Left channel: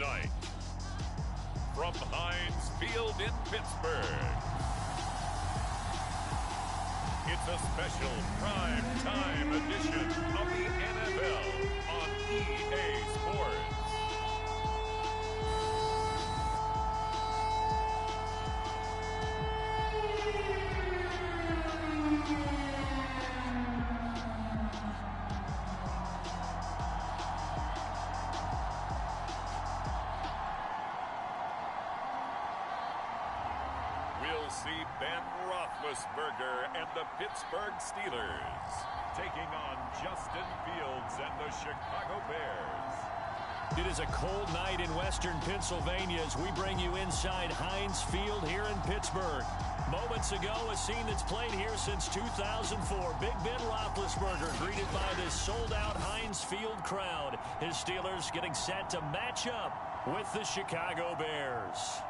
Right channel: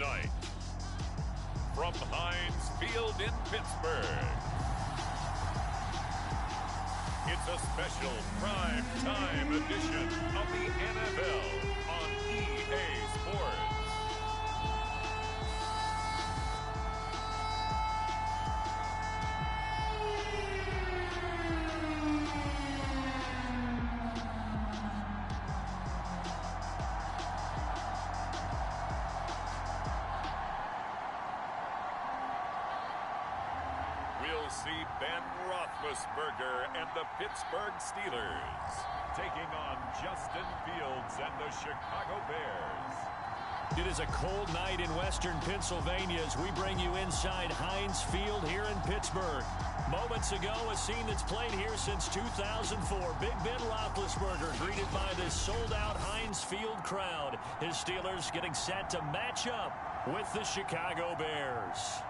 tonight, from Heinz Field in Pittsburgh, it's a special prime time edition of the NFL on EA Sports. We'll see Ben Roethlisberger and the Pittsburgh Steelers taking on Justin Fields and the Chicago Bears. It is a cold night in western Pennsylvania as we bring you inside Heinz Field here in Pittsburgh. Moments ago, a scene that's played here since 2004. Big Ben Roethlisberger greeted by this sold-out Heinz Field crowd. His Steelers getting set to match up with the Chicago Bears.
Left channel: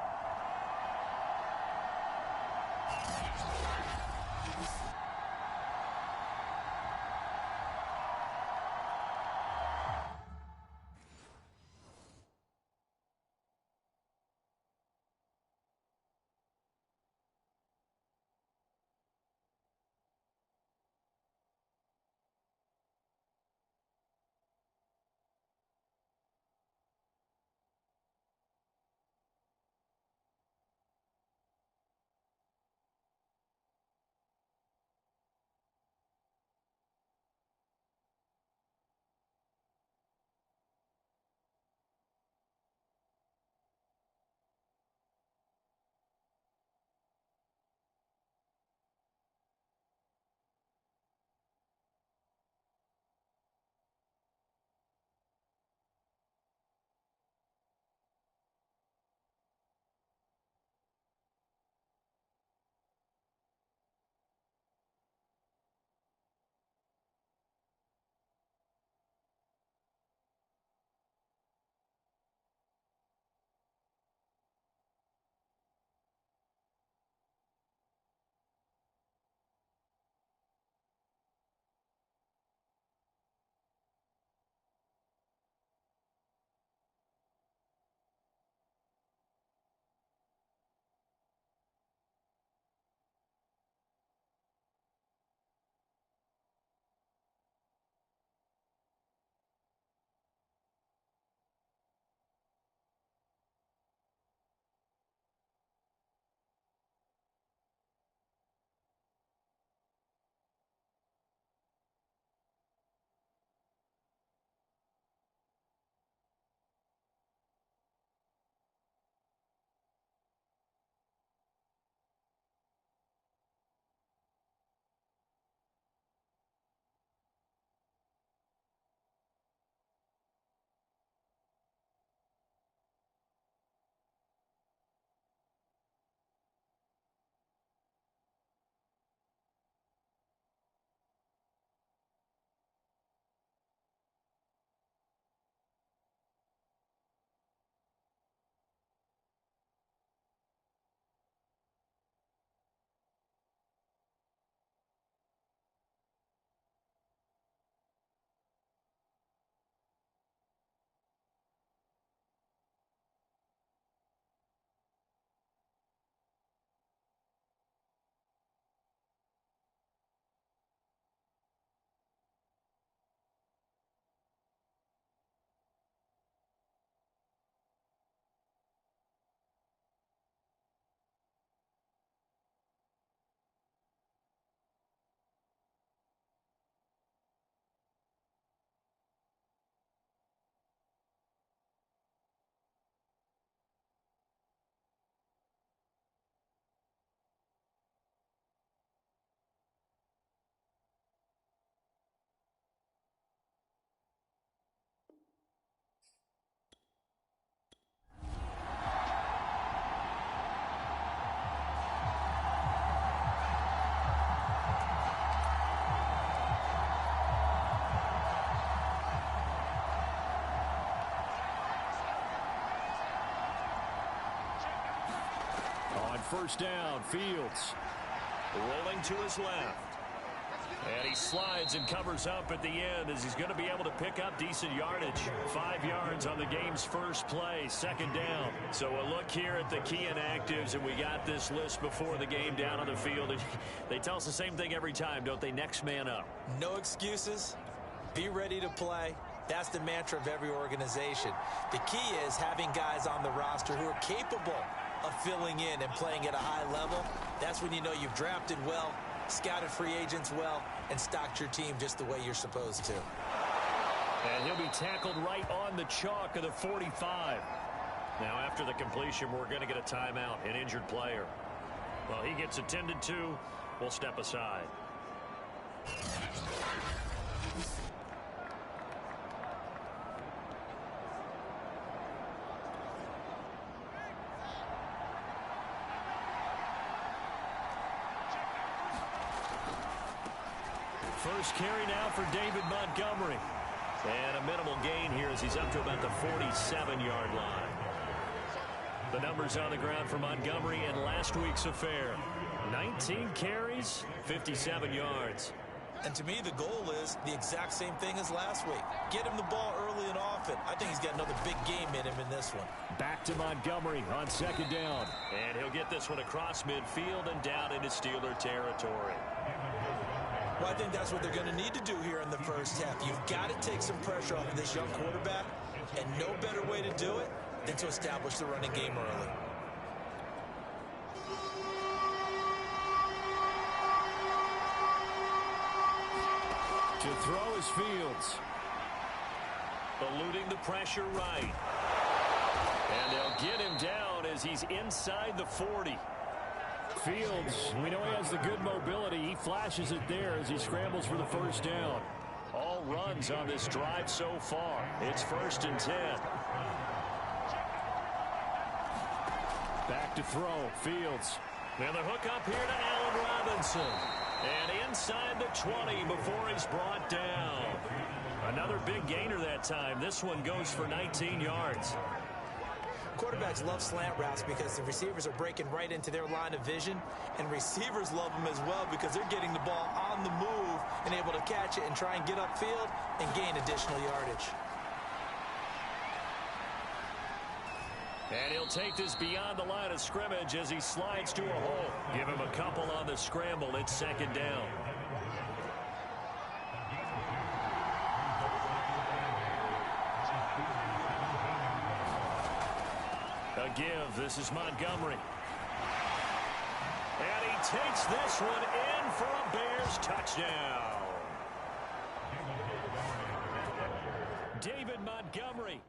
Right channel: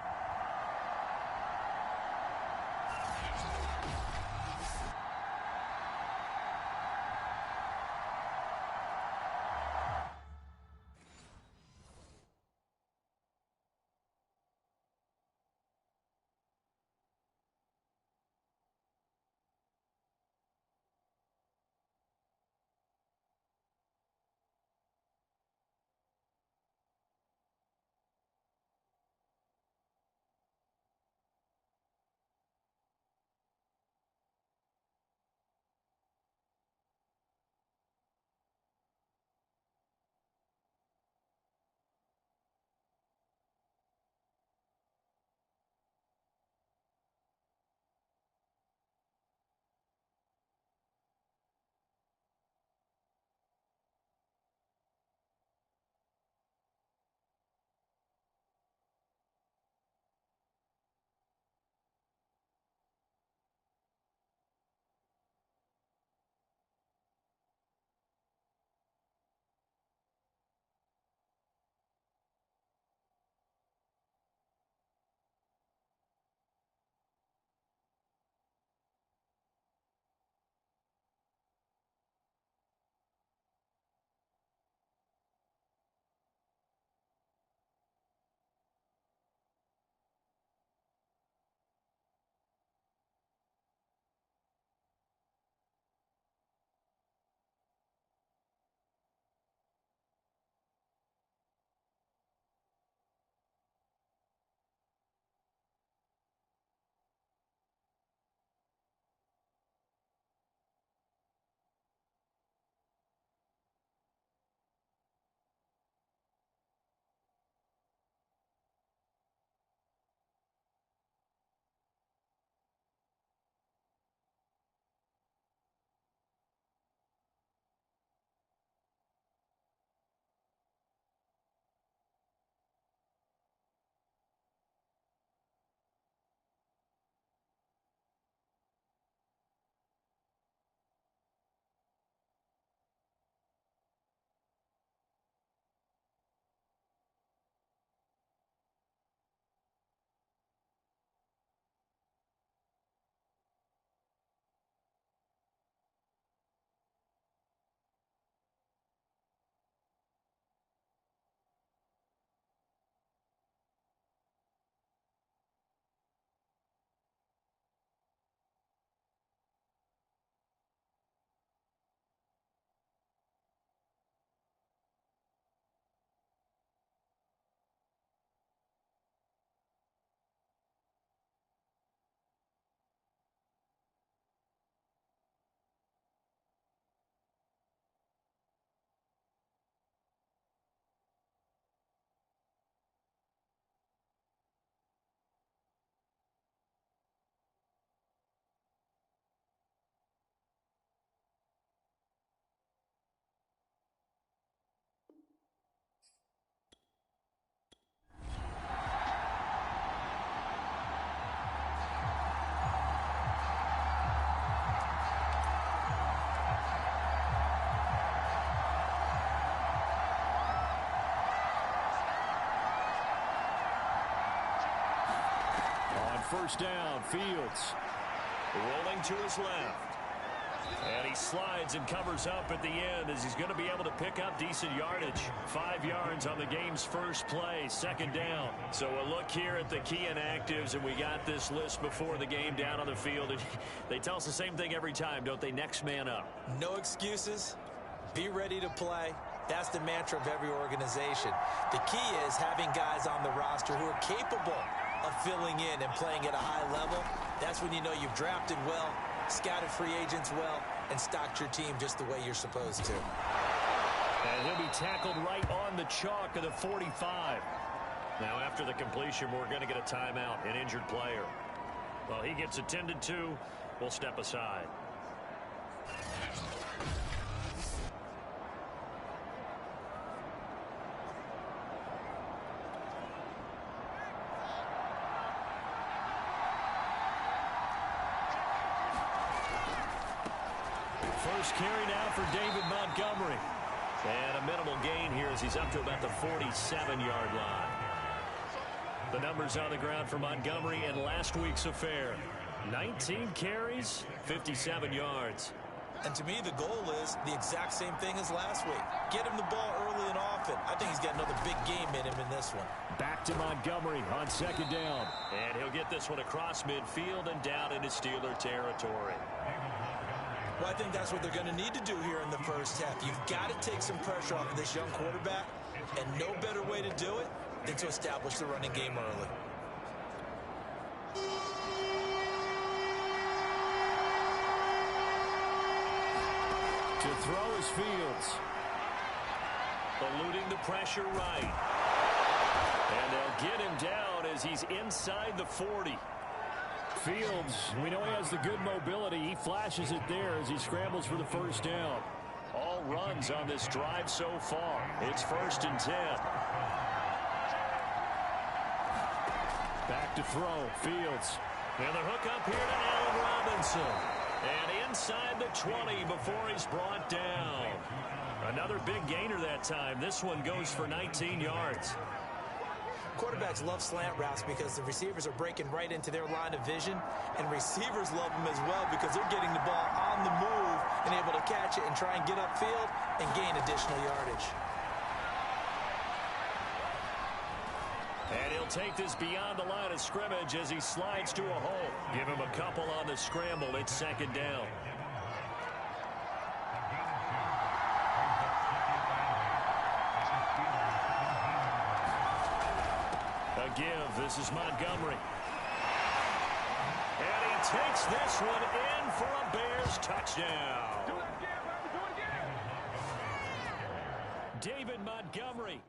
First down, Fields rolling to his left. And he slides and covers up at the end as he's going to be able to pick up decent yardage. 5 yards on the game's first play, second down. So a look here at the key inactives, and we got this list before the game down on the field. And they tell us the same thing every time, don't they? Next man up. No excuses. Be ready to play. That's the mantra of every organization. The key is having guys on the roster who are capable of filling in and playing at a high level. That's when you know you've drafted well, scouted free agents well, and stocked your team just the way you're supposed to. And he'll be tackled right on the chalk of the 45. Now, after the completion, we're going to get a timeout, an injured player. Well, he gets attended to. We'll step aside. First carry now for David Montgomery. And a minimal gain here as he's up to about the 47-yard line. The numbers on the ground for Montgomery in last week's affair. 19 carries, 57 yards. And to me, the goal is the exact same thing as last week. Get him the ball early and often. I think he's got another big game in him in this one. Back to Montgomery on second down. And he'll get this one across midfield and down into Steeler territory. Well, I think that's what they're going to need to do here in the first half. You've got to take some pressure off of this young quarterback, and no better way to do it than to establish the running game early. To throw is Fields. Eluding the pressure right. And they'll get him down as he's inside the 40. Fields, we know he has the good mobility. He flashes it there as he scrambles for the first down. All runs on this drive so far. It's 1st and 10. Back to throw. Fields. And the hook up here to Allen Robinson. And inside the 20 before he's brought down. Another big gainer that time. This one goes for 19 yards. Quarterbacks love slant routes because the receivers are breaking right into their line of vision, and receivers love them as well because they're getting the ball on the move and able to catch it and try and get upfield and gain additional yardage. And he'll take this beyond the line of scrimmage as he slides to a hole. Give him a couple on the scramble. It's second down. A give. This is Montgomery. And he takes this one in for a Bears touchdown. David Montgomery.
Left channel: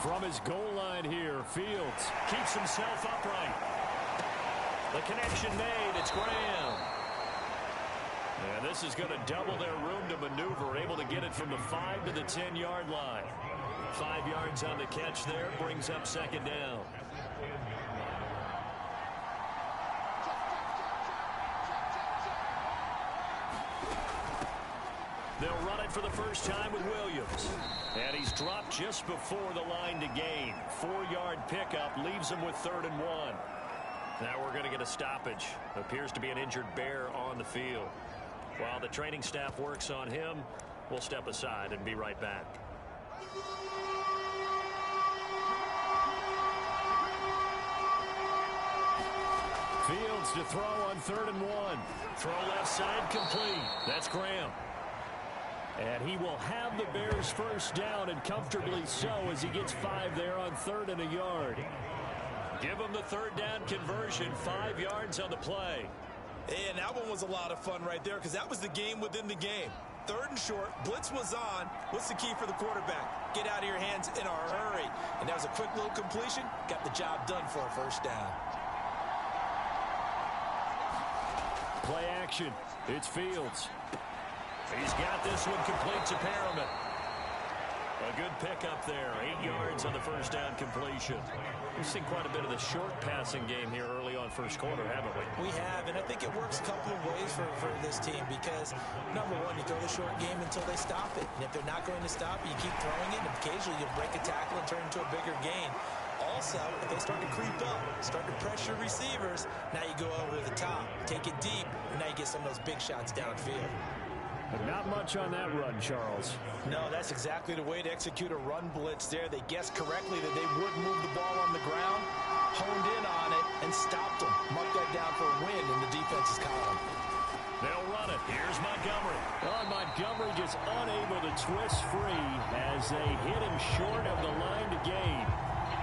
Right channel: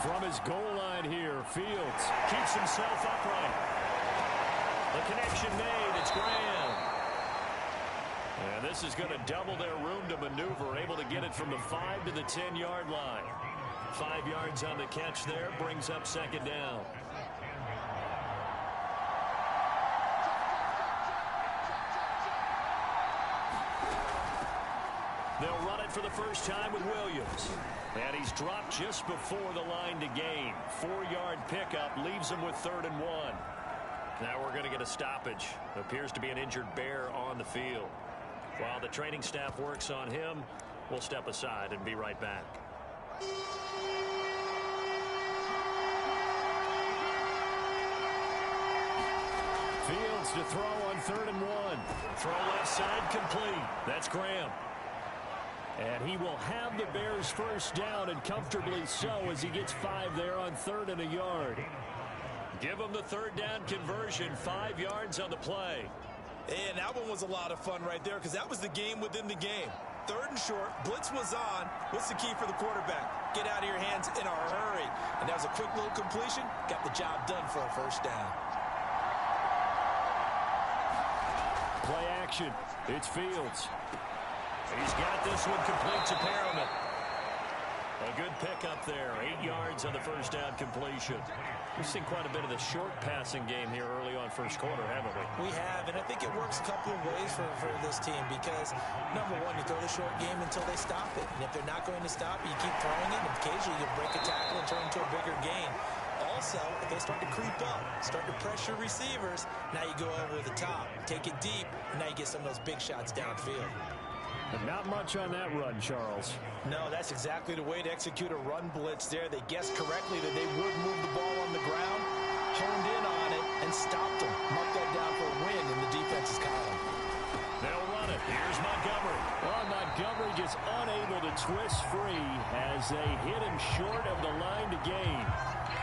From his goal line here, Fields keeps himself upright. The connection made. It's Graham. And this is going to double their room to maneuver, able to get it from the 5 to the 10-yard line. 5 yards on the catch there, brings up second down. They'll run it for the first time with Williams. And he's dropped just before the line to gain. 4-yard pickup leaves him with 3rd and 1. Now we're going to get a stoppage. Appears to be an injured Bear on the field. While the training staff works on him, we'll step aside and be right back. Fields to throw on 3rd and 1. Throw left side complete. That's Graham. And he will have the Bears first down, and comfortably so, as he gets 5 there on 3rd and a yard. Give him the 3rd down conversion, 5 yards on the play. And that one was a lot of fun right there because that was the game within the game. 3rd and short, blitz was on. What's the key for the quarterback? Get out of your hands in a hurry. And that was a quick little completion. Got the job done for a first down. Play action. It's Fields. He's got this one complete to Perriman. A good pickup there. 8 yards on the first down completion. We've seen quite a bit of the short passing game here early on first quarter, haven't we? We have, and I think it works a couple of ways for this team because, number one, you throw the short game until they stop it. And if they're not going to stop it, you keep throwing it, and occasionally you break a tackle and turn it into a bigger gain. Also, if they start to creep up, start to pressure receivers, now you go over the top, take it deep, and now you get some of those big shots downfield. But not much on that run, Charles. No, that's exactly the way to execute a run blitz there. They guessed correctly that they would move the ball on the ground, honed in on it, and stopped them. Mark that down for a win in the defense's column. They'll run it. Here's Montgomery. Well, Montgomery just unable to twist free as they hit him short of the line to gain.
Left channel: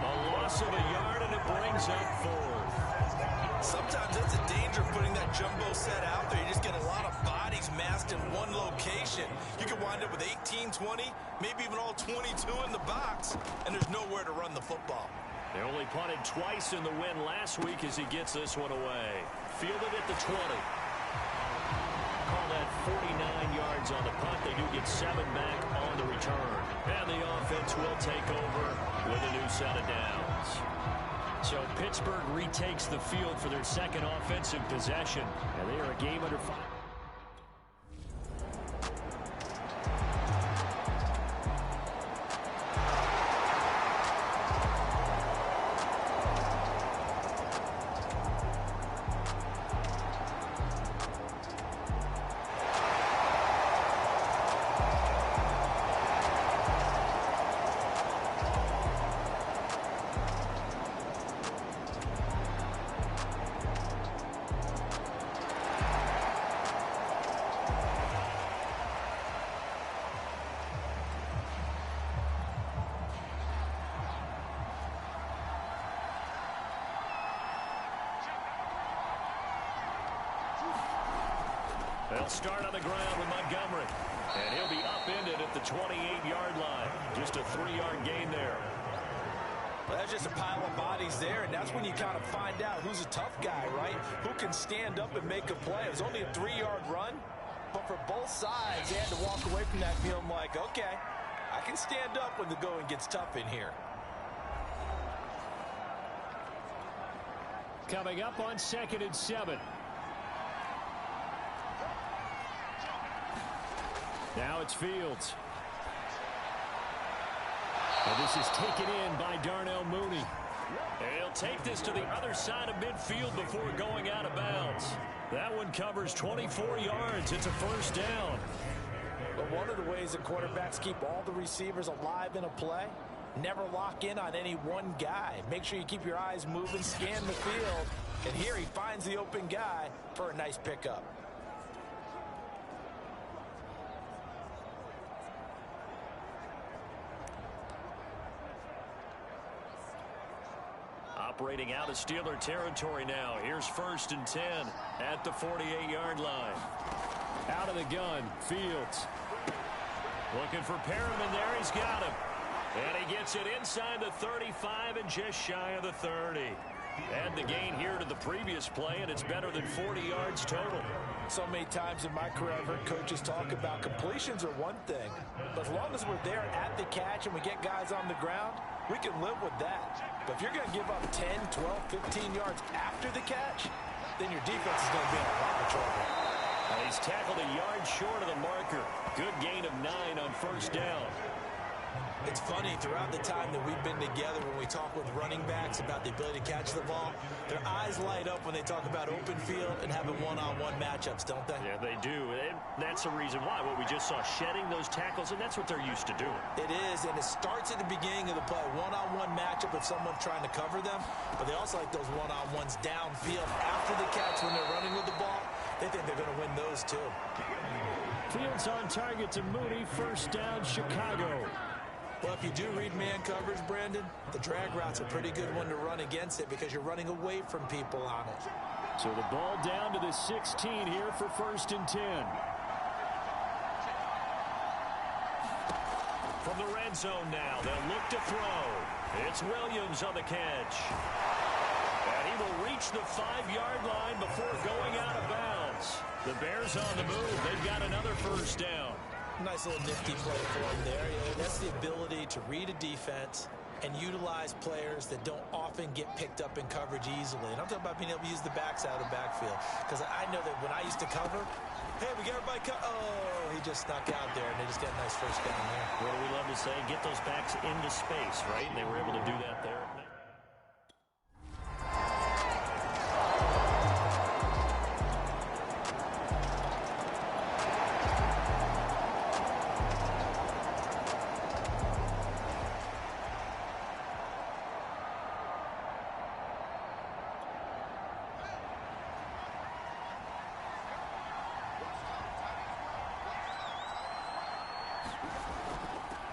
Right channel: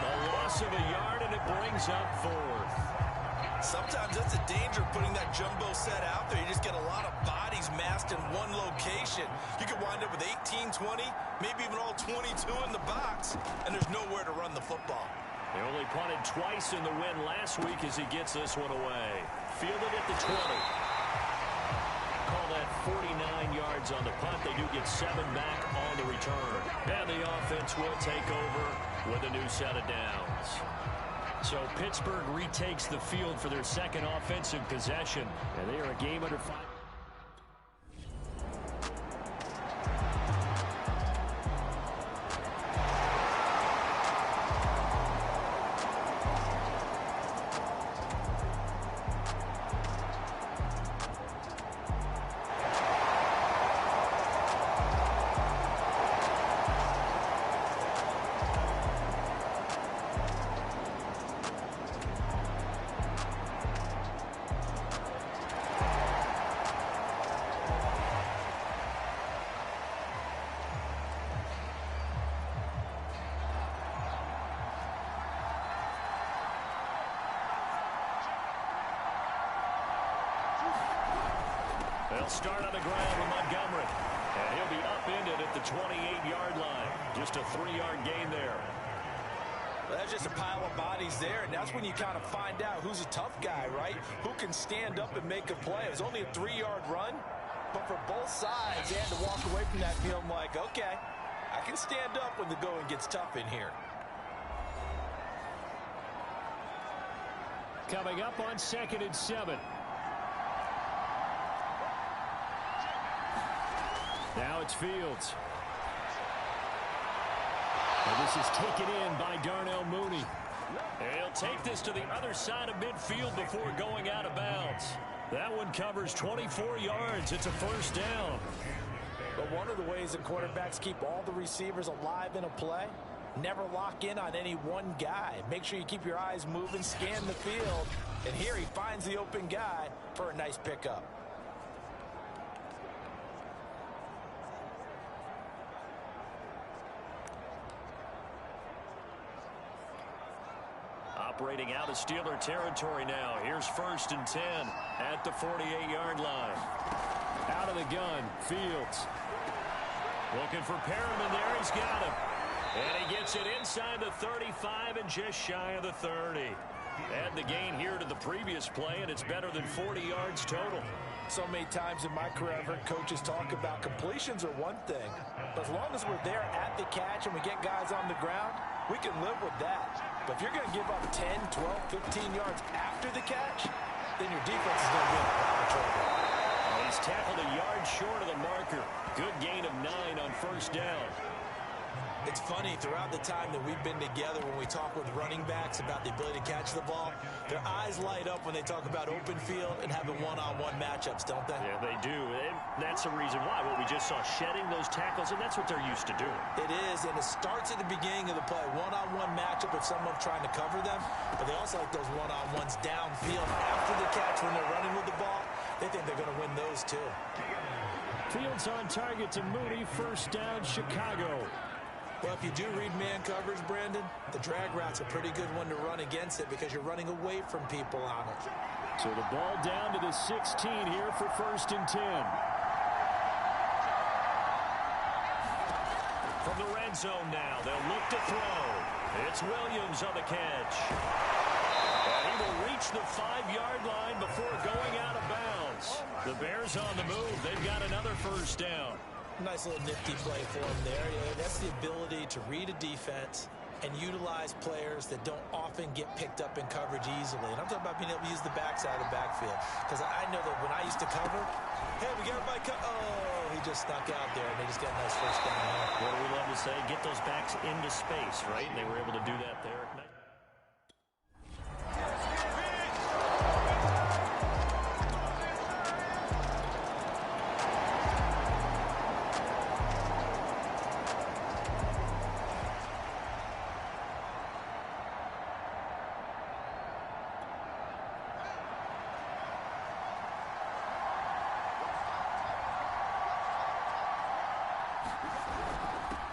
A loss of a yard, and it brings up fourth. Sometimes that's a danger putting that jumbo set out there. You just get a lot of bodies massed in one location. You could wind up with 18, 20, maybe even all 22 in the box, and there's nowhere to run the football. They only punted twice in the win last week as he gets this one away. Fielded at the 20. Call that 49 yards on the punt. They do get 7 back on the return. And the offense will take over with a new set of downs. So Pittsburgh retakes the field for their second offensive possession. And they are a game under 5. They'll start on the ground with Montgomery. And he'll be upended at the 28-yard line. Just a 3-yard gain there. Well, that's just a pile of bodies there, and that's when you kind of find out who's a tough guy, right? Who can stand up and make a play. It was only a 3-yard run, but for both sides, they had to walk away from that feeling like, okay, I can stand up when the going gets tough in here. Coming up on 2nd and 7. Now it's Fields. And this is taken in by Darnell Mooney. And he'll take this to the other side of midfield before going out of bounds. That one covers 24 yards. It's a first down. But one of the ways that quarterbacks keep all the receivers alive in a play, never lock in on any one guy. Make sure you keep your eyes moving, scan the field. And here he finds the open guy for a nice pickup. Operating out of Steeler territory now. Here's 1st and 10 at the 48-yard line. Out of the gun, Fields. Looking for Perriman there. He's got him. And he gets it inside the 35 and just shy of the 30. Add the gain here to the previous play, and it's better than 40 yards total. So many times in my career, I've heard coaches talk about completions are one thing. But as long as we're there at the catch and we get guys on the ground, we can live with that. But if you're going to give up 10, 12, 15 yards after the catch, then your defense is going to be in a lot of trouble. He's tackled a yard short of the marker. Good gain of 9 on first down. It's funny, throughout the time that we've been together, when we talk with running backs about the ability to catch the ball, their eyes light up when they talk about open field and having one-on-one matchups, don't they? Yeah, they do. And that's the reason why. What we just saw, shedding those tackles, and that's what they're used to doing. It is, and it starts at the beginning of the play. One-on-one matchup if someone's trying to cover them, but they also like those one-on-ones downfield after the catch when they're running with the ball. They think they're going to win those, too. Fields on target to Mooney. First down, Chicago. Well, if you do read man coverage, Brandon, the drag route's a pretty good one to run against it because you're running away from people on it. So the ball down to the 16 here for 1st and 10. From the red zone now, they'll look to throw. It's Williams on the catch. And he will reach the 5-yard line before going out of bounds. The Bears on the move. They've got another first down. Nice little nifty play for him there. Yeah, that's the ability to read a defense and utilize players that don't often get picked up in coverage easily. And I'm talking about being able to use the backside of the backfield. Because I know that when I used to cover, hey, we got everybody oh, he just snuck out there, and they just got a nice first down there. What do we love to say? Get those backs into space, right? And they were able to do that there.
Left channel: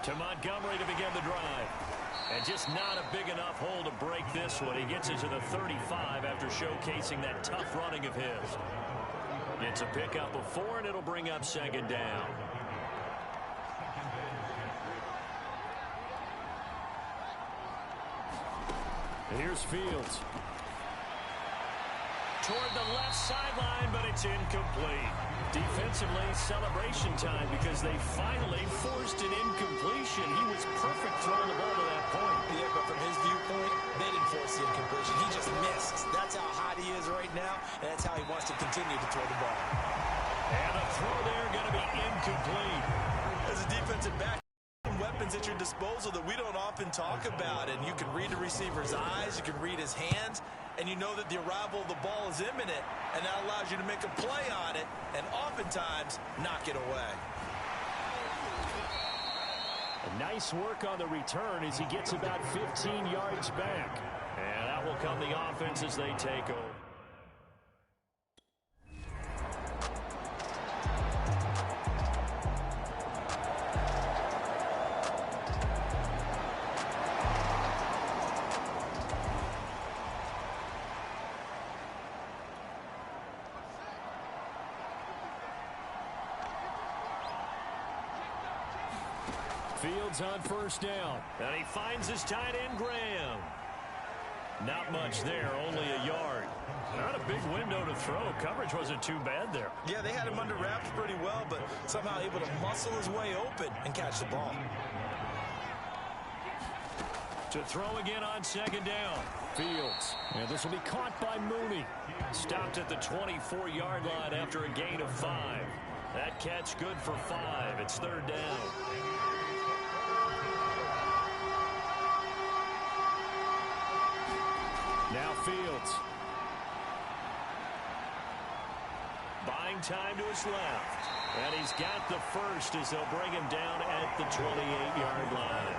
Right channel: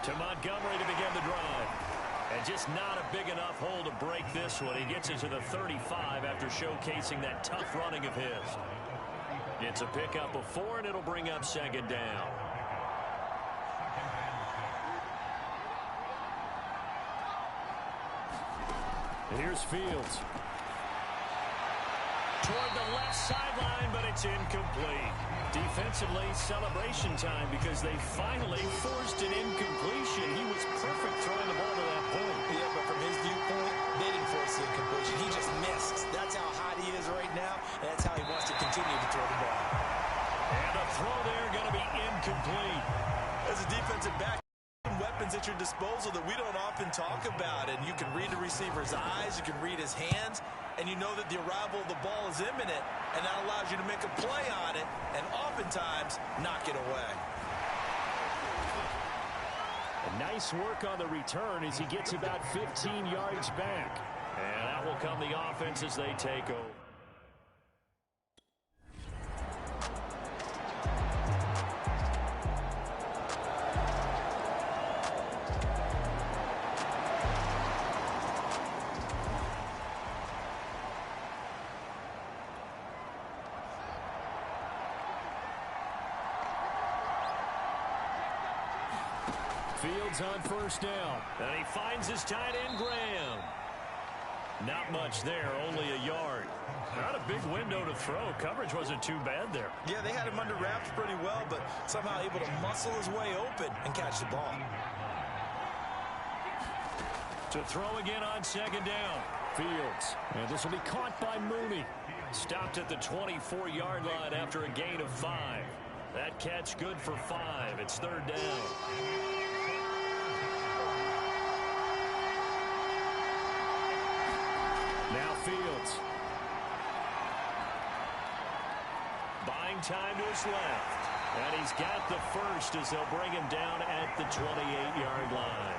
To Montgomery to begin the drive. And just not a big enough hole to break this one. He gets it to the 35 after showcasing that tough running of his. It's a pickup of 4, and it'll bring up second down. Here's Fields. Toward the left sideline, but it's incomplete. Defensively, celebration time because they finally forced an incompletion. He was perfect throwing the ball to that point. Yeah, but from his viewpoint, they didn't force the incompletion. He just missed. That's how hot he is right now, and that's how he wants to continue to throw the ball. And a throw there going to be incomplete. As a defensive back, weapons at your disposal that we don't often talk about, and you can read the receiver's eyes, you can read his hands, and you know that the arrival of the ball is imminent, and that allows you to make a play on it and oftentimes knock it away. A nice work on the return as he gets about 15 yards back. And that will come the offense as they take over. Fields on first down. And he finds his tight end, Graham. Not much there, only a yard. Not a big window to throw. Coverage wasn't too bad there. Yeah, they had him under wraps pretty well, but somehow able to muscle his way open and catch the ball. To throw again on second down. Fields. And this will be caught by Mooney. Stopped at the 24-yard line after a gain of 5. That catch good for 5. It's third down. Now Fields. Buying time to his left. And he's got the first as they'll bring him down at the 28-yard line.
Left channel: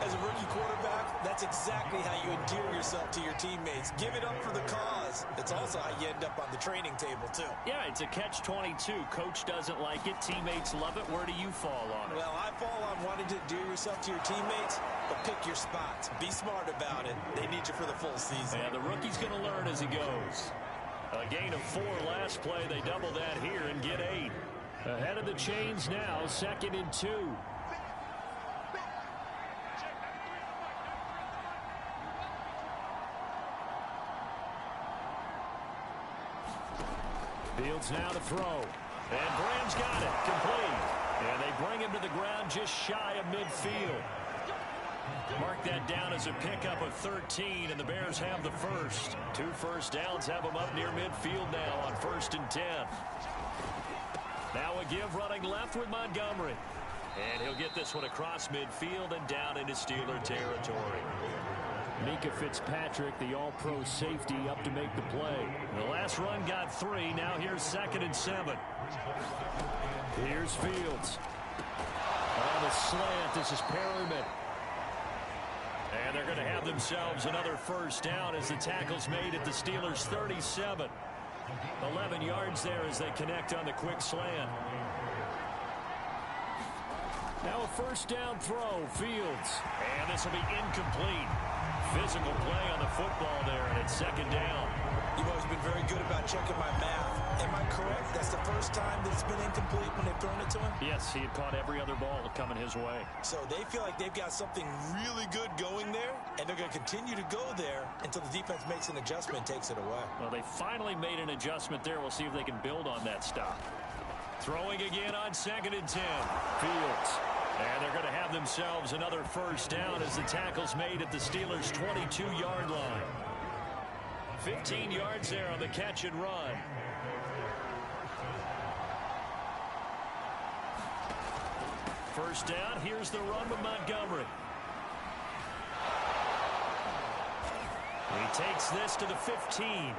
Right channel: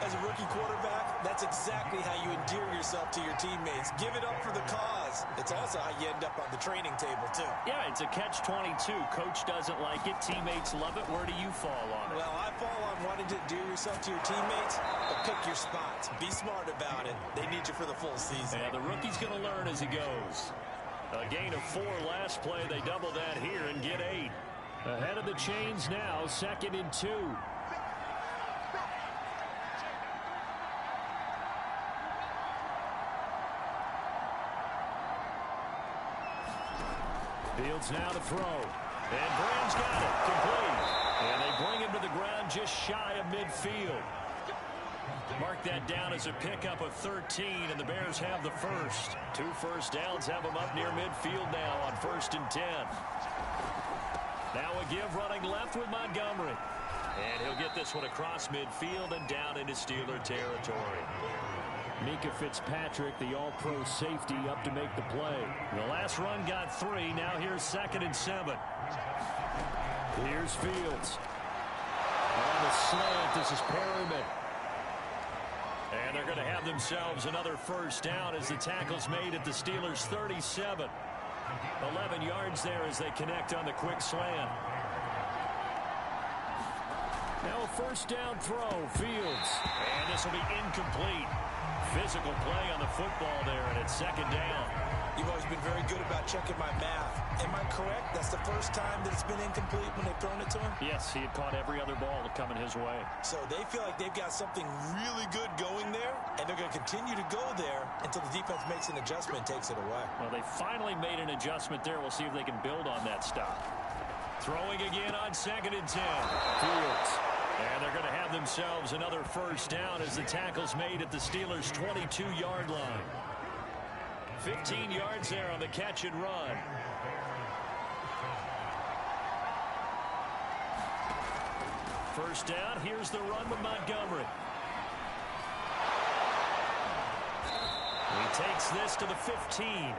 As a rookie quarterback, that's exactly how you endear yourself to your teammates. Give it up for the cause. It's also how you end up on the training table, too. Yeah, it's a catch-22. Coach doesn't like it. Teammates love it. Where do you fall on it? Well, I fall on wanting to endear yourself to your teammates, but pick your spots. Be smart about it. They need you for the full season. Yeah, the rookie's going to learn as he goes. A gain of 4 last play. They double that here and get 8. Ahead of the chains now, 2nd and 2. Fields now to throw. And Graham's got it. Complete. And they bring him to the ground just shy of midfield. Mark that down as a pickup of 13, and the Bears have the first. 2 first downs have them up near midfield now on 1st and 10. Now a give running left with Montgomery. And he'll get this one across midfield and down into Steeler territory. Mika Fitzpatrick, the all-pro safety, up to make the play. The last run got 3. Now here's 2nd and 7. Here's Fields. On the slant, this is Perryman. And they're going to have themselves another first down as the tackle's made at the Steelers' 37. 11 yards there as they connect on the quick slant. Now a first down throw, Fields. And this will be incomplete. Physical play on the football there, and it's second down. You've always been very good about checking my math. Am I correct? That's the first time that it's been incomplete when they've thrown it to him? Yes, he had caught every other ball coming his way. So they feel like they've got something really good going there, and they're going to continue to go there until the defense makes an adjustment and takes it away. Well, they finally made an adjustment there. We'll see if they can build on that stop. Throwing again on 2nd and 10. Fields. And they're going to have themselves another first down as the tackle's made at the Steelers' 22-yard line. 15 yards there on the catch and run. First down, here's the run with Montgomery. He takes this to the 15.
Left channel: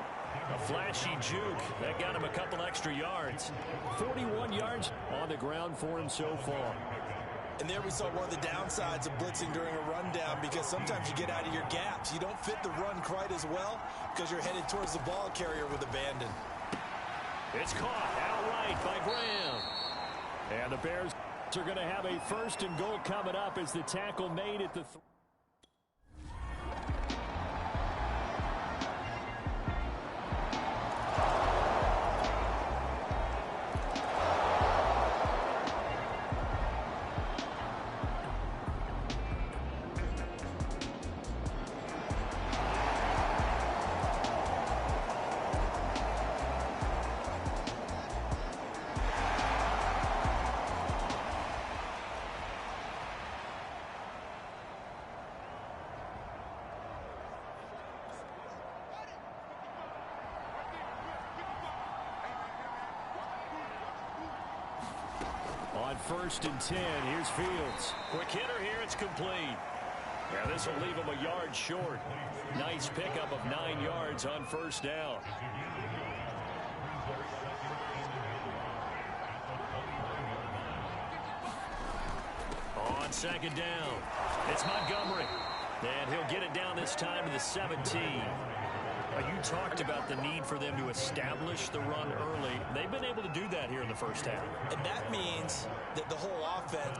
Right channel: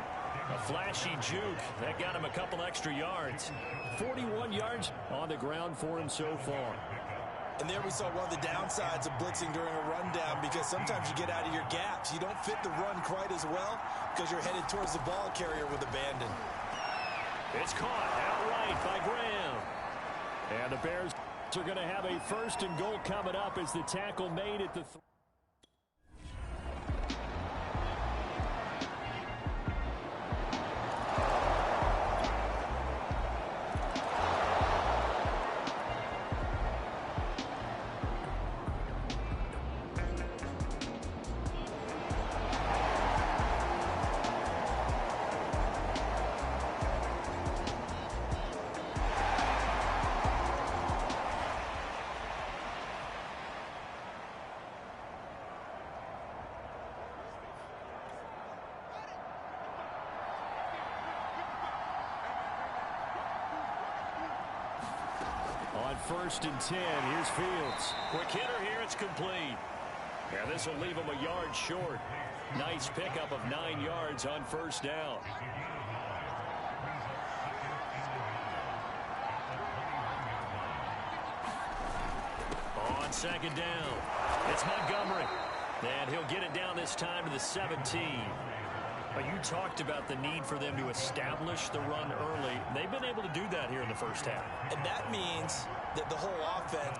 A flashy juke. That got him a couple extra yards. 41 yards on the ground for him so far. And there we saw one of the downsides of blitzing during a rundown, because sometimes you get out of your gaps. You don't fit the run quite as well because you're headed towards the ball carrier with abandon. It's caught outright by Graham. And the Bears are going to have a 1st and goal coming up as the tackle made at the on 1st and 10. Here's Fields. Quick hitter here. It's complete. Yeah, this will leave him a yard short. Nice pickup of 9 yards on first down. On 2nd down, it's Montgomery. And he'll get it down this time to the 17. You talked about the need for them to establish the run early. They've been able to do that here in the first half. And that means that the whole offense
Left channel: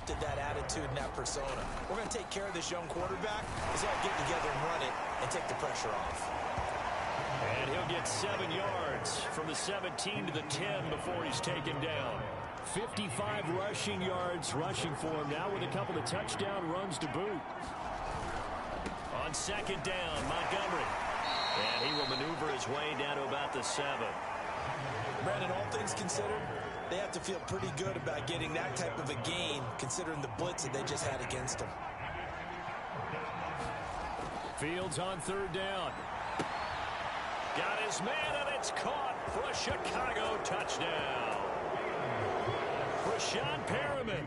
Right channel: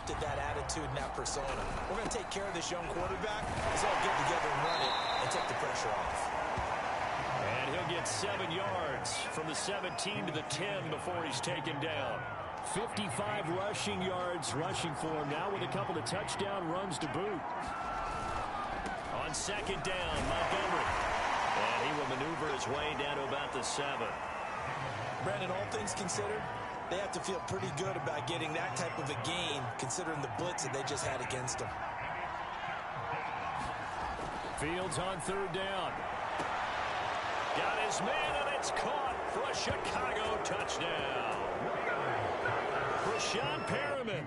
adopted that attitude and that persona. We're going to take care of this young quarterback. Let's all get together and run it and take the pressure off. And he'll get 7 yards from the 17 to the 10 before he's taken down. 55 rushing yards rushing for him now with a couple of touchdown runs to boot. On second down, Montgomery. And he will maneuver his way down to about the 7. Brandon, all things considered, they have to feel pretty good about getting that type of a gain considering the blitz that they just had against them. Fields on third down. Got his man, and it's caught for a Chicago touchdown. Rashawn Perriman.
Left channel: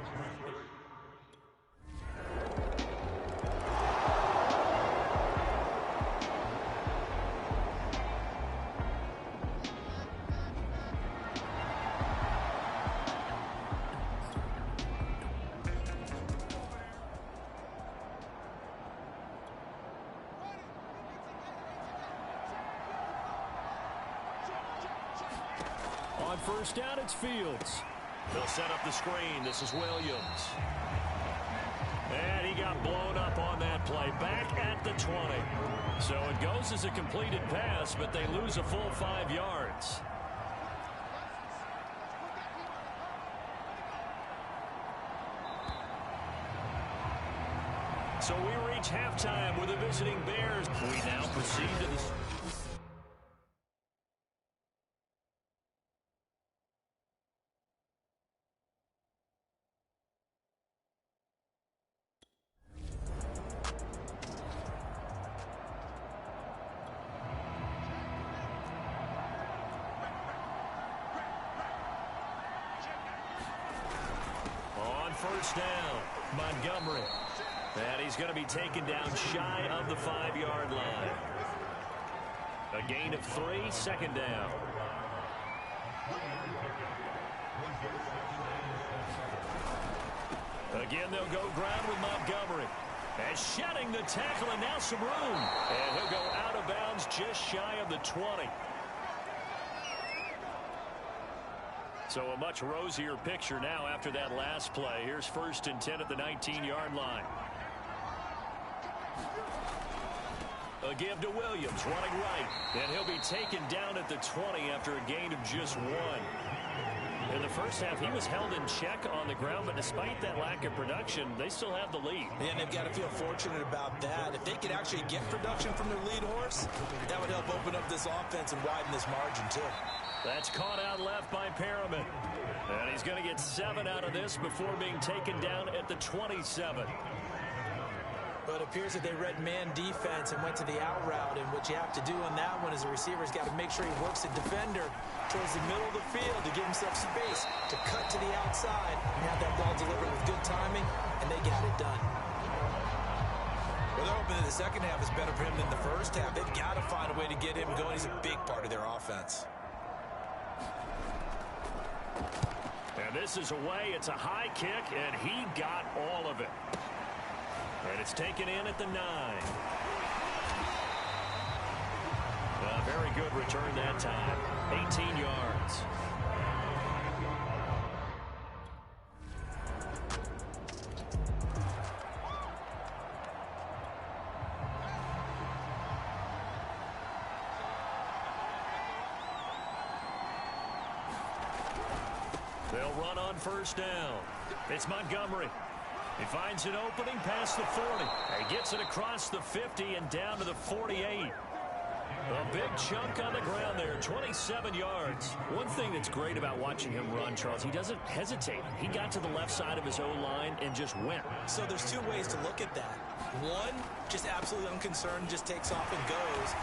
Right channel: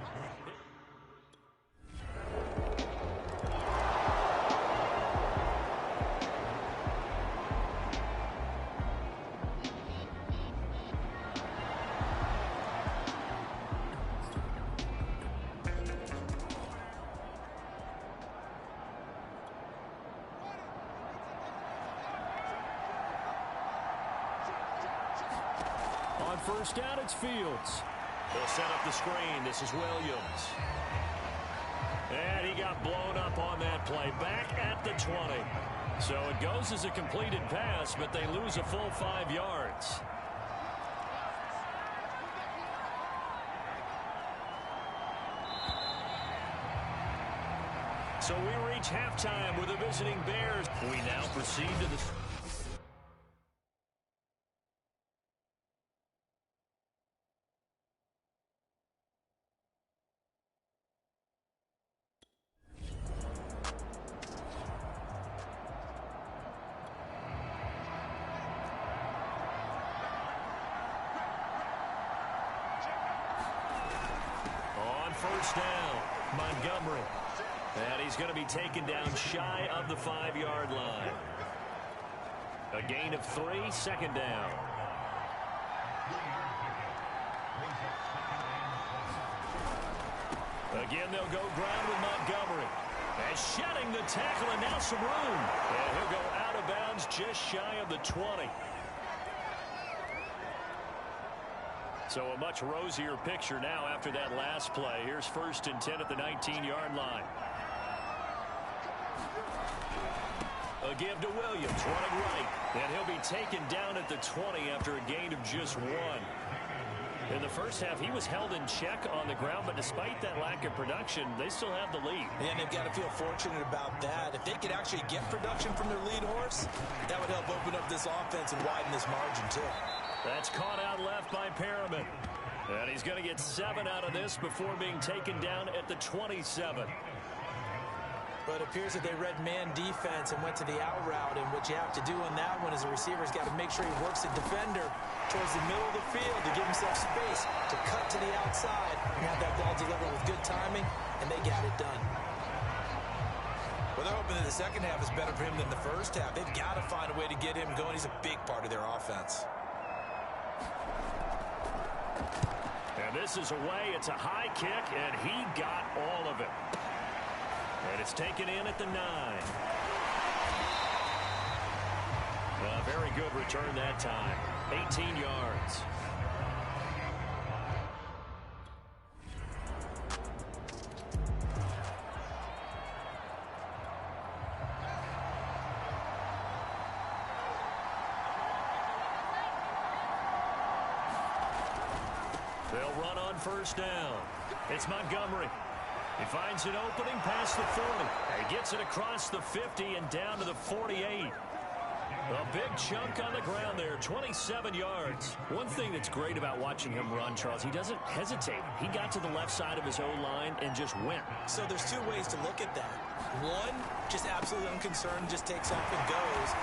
On first down, it's Fields. They'll set up the screen. This is Williams. And he got blown up on that play. Back at the 20. So it goes as a completed pass, but they lose a full 5 yards. So we reach halftime with the visiting Bears. We now proceed to the... First down, Montgomery. And he's going to be taken down shy of the 5-yard line. A gain of 3, second down. Again, they'll go ground with Montgomery. And shedding the tackle, and now some room. And he'll go out of bounds just shy of the 20. So a much rosier picture now after that last play. Here's first and 10 at the 19-yard line. A give to Williams, running right. And he'll be taken down at the 20 after a gain of just 1. In the first half, he was held in check on the ground, but despite that lack of production, they still have the lead. And they've got to feel fortunate about that. If they could actually get production from their lead horse, that would help open up this offense and widen this margin, too. That's caught out left by Perriman. And he's going to get 7 out of this before being taken down at the 27. But it appears that they read man defense and went to the out route. And what you have to do on that one is the receiver's got to make sure he works the defender towards the middle of the field to give himself space to cut to the outside and have that ball delivered with good timing, and they got it done. Well, they're hoping that the second half is better for him than the first half. They've got to find a way to get him going. He's a big part of their offense. And this is away. It's a high kick, and he got all of it. And it's taken in at the 9. A very good return that time. 18 yards. They'll run on first down. It's Montgomery. He finds an opening past the 40. He gets it across the 50 and down to the 48. A big chunk on the ground there, 27 yards. One thing that's great about watching him run, Charles, he doesn't hesitate. He got to the left side of his O-line and just went. So there's 2 ways to look at that. One, just absolutely unconcerned, just takes off and goes.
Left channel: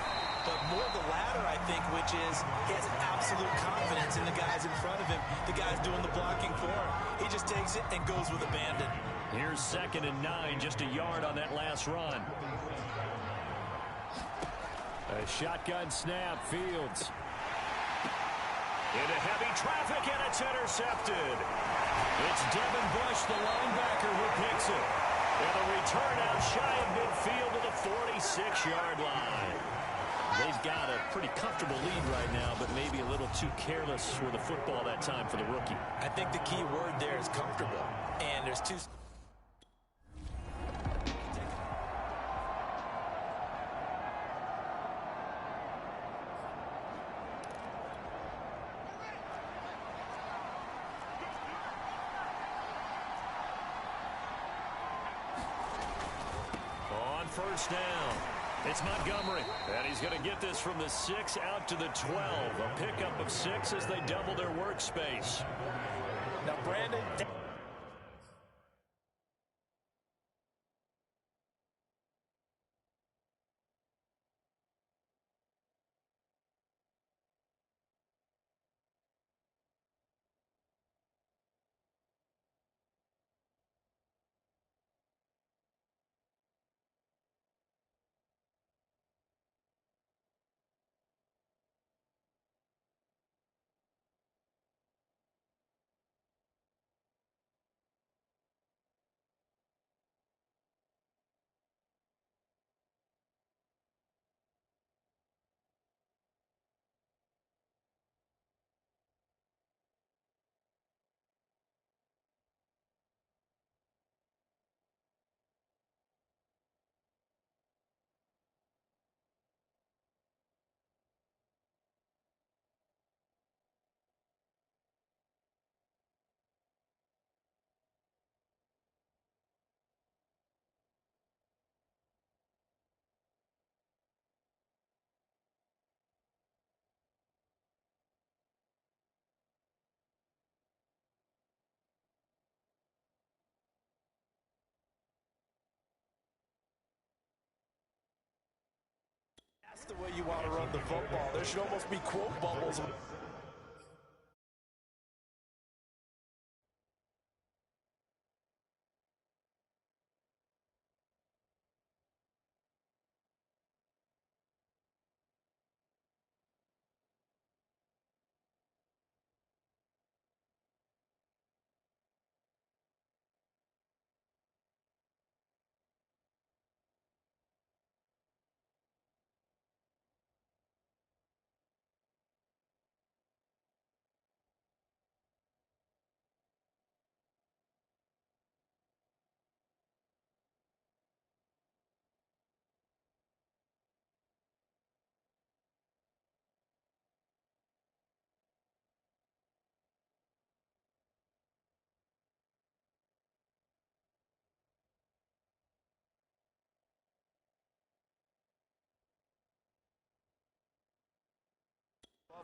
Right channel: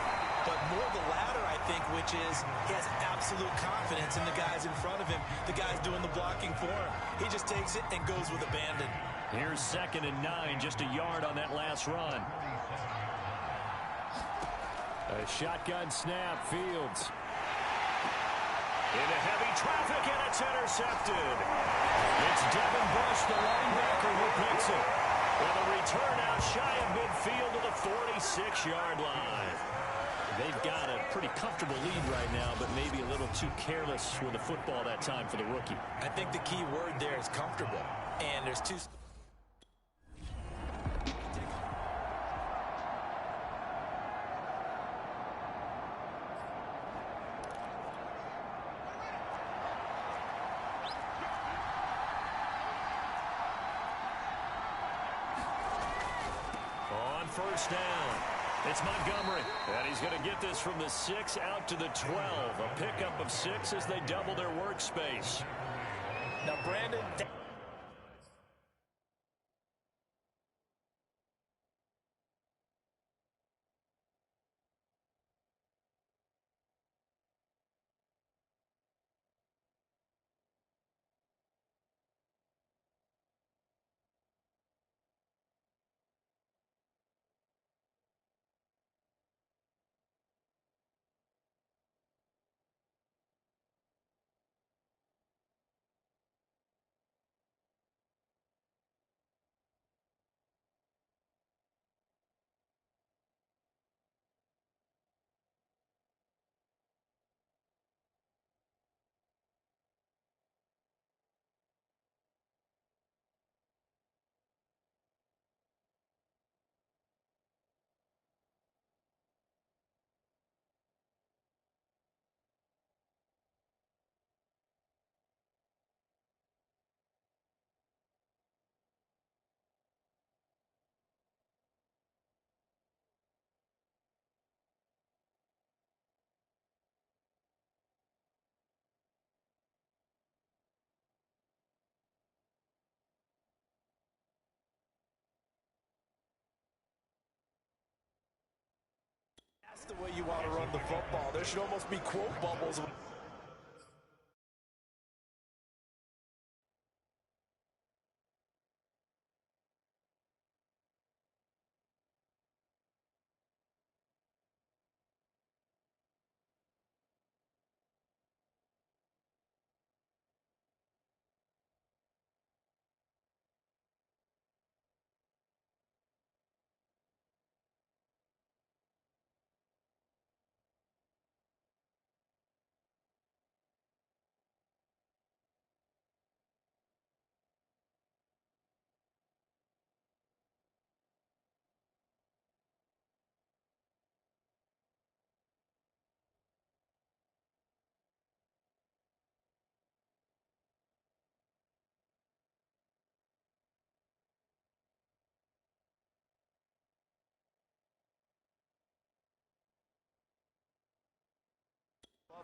But more the latter, I think, which is he has absolute confidence in the guys in front of him, the guys doing the blocking for him. He just takes it and goes with abandon. Here's 2nd and 9, just a yard on that last run. A shotgun snap, Fields. Into heavy traffic, and it's intercepted. It's Devin Bush, the linebacker, who picks it. And the return out shy of midfield to the 46-yard line. They've got a pretty comfortable lead right now, but maybe a little too careless with the football that time for the rookie. I think the key word there is comfortable. And there's 2... first down. It's Montgomery, and he's going to get this from the 6 out to the 12. A pickup of 6 as they double their workspace. Now, Brandon... That's the way you want to run the football. There should almost be quote bubbles.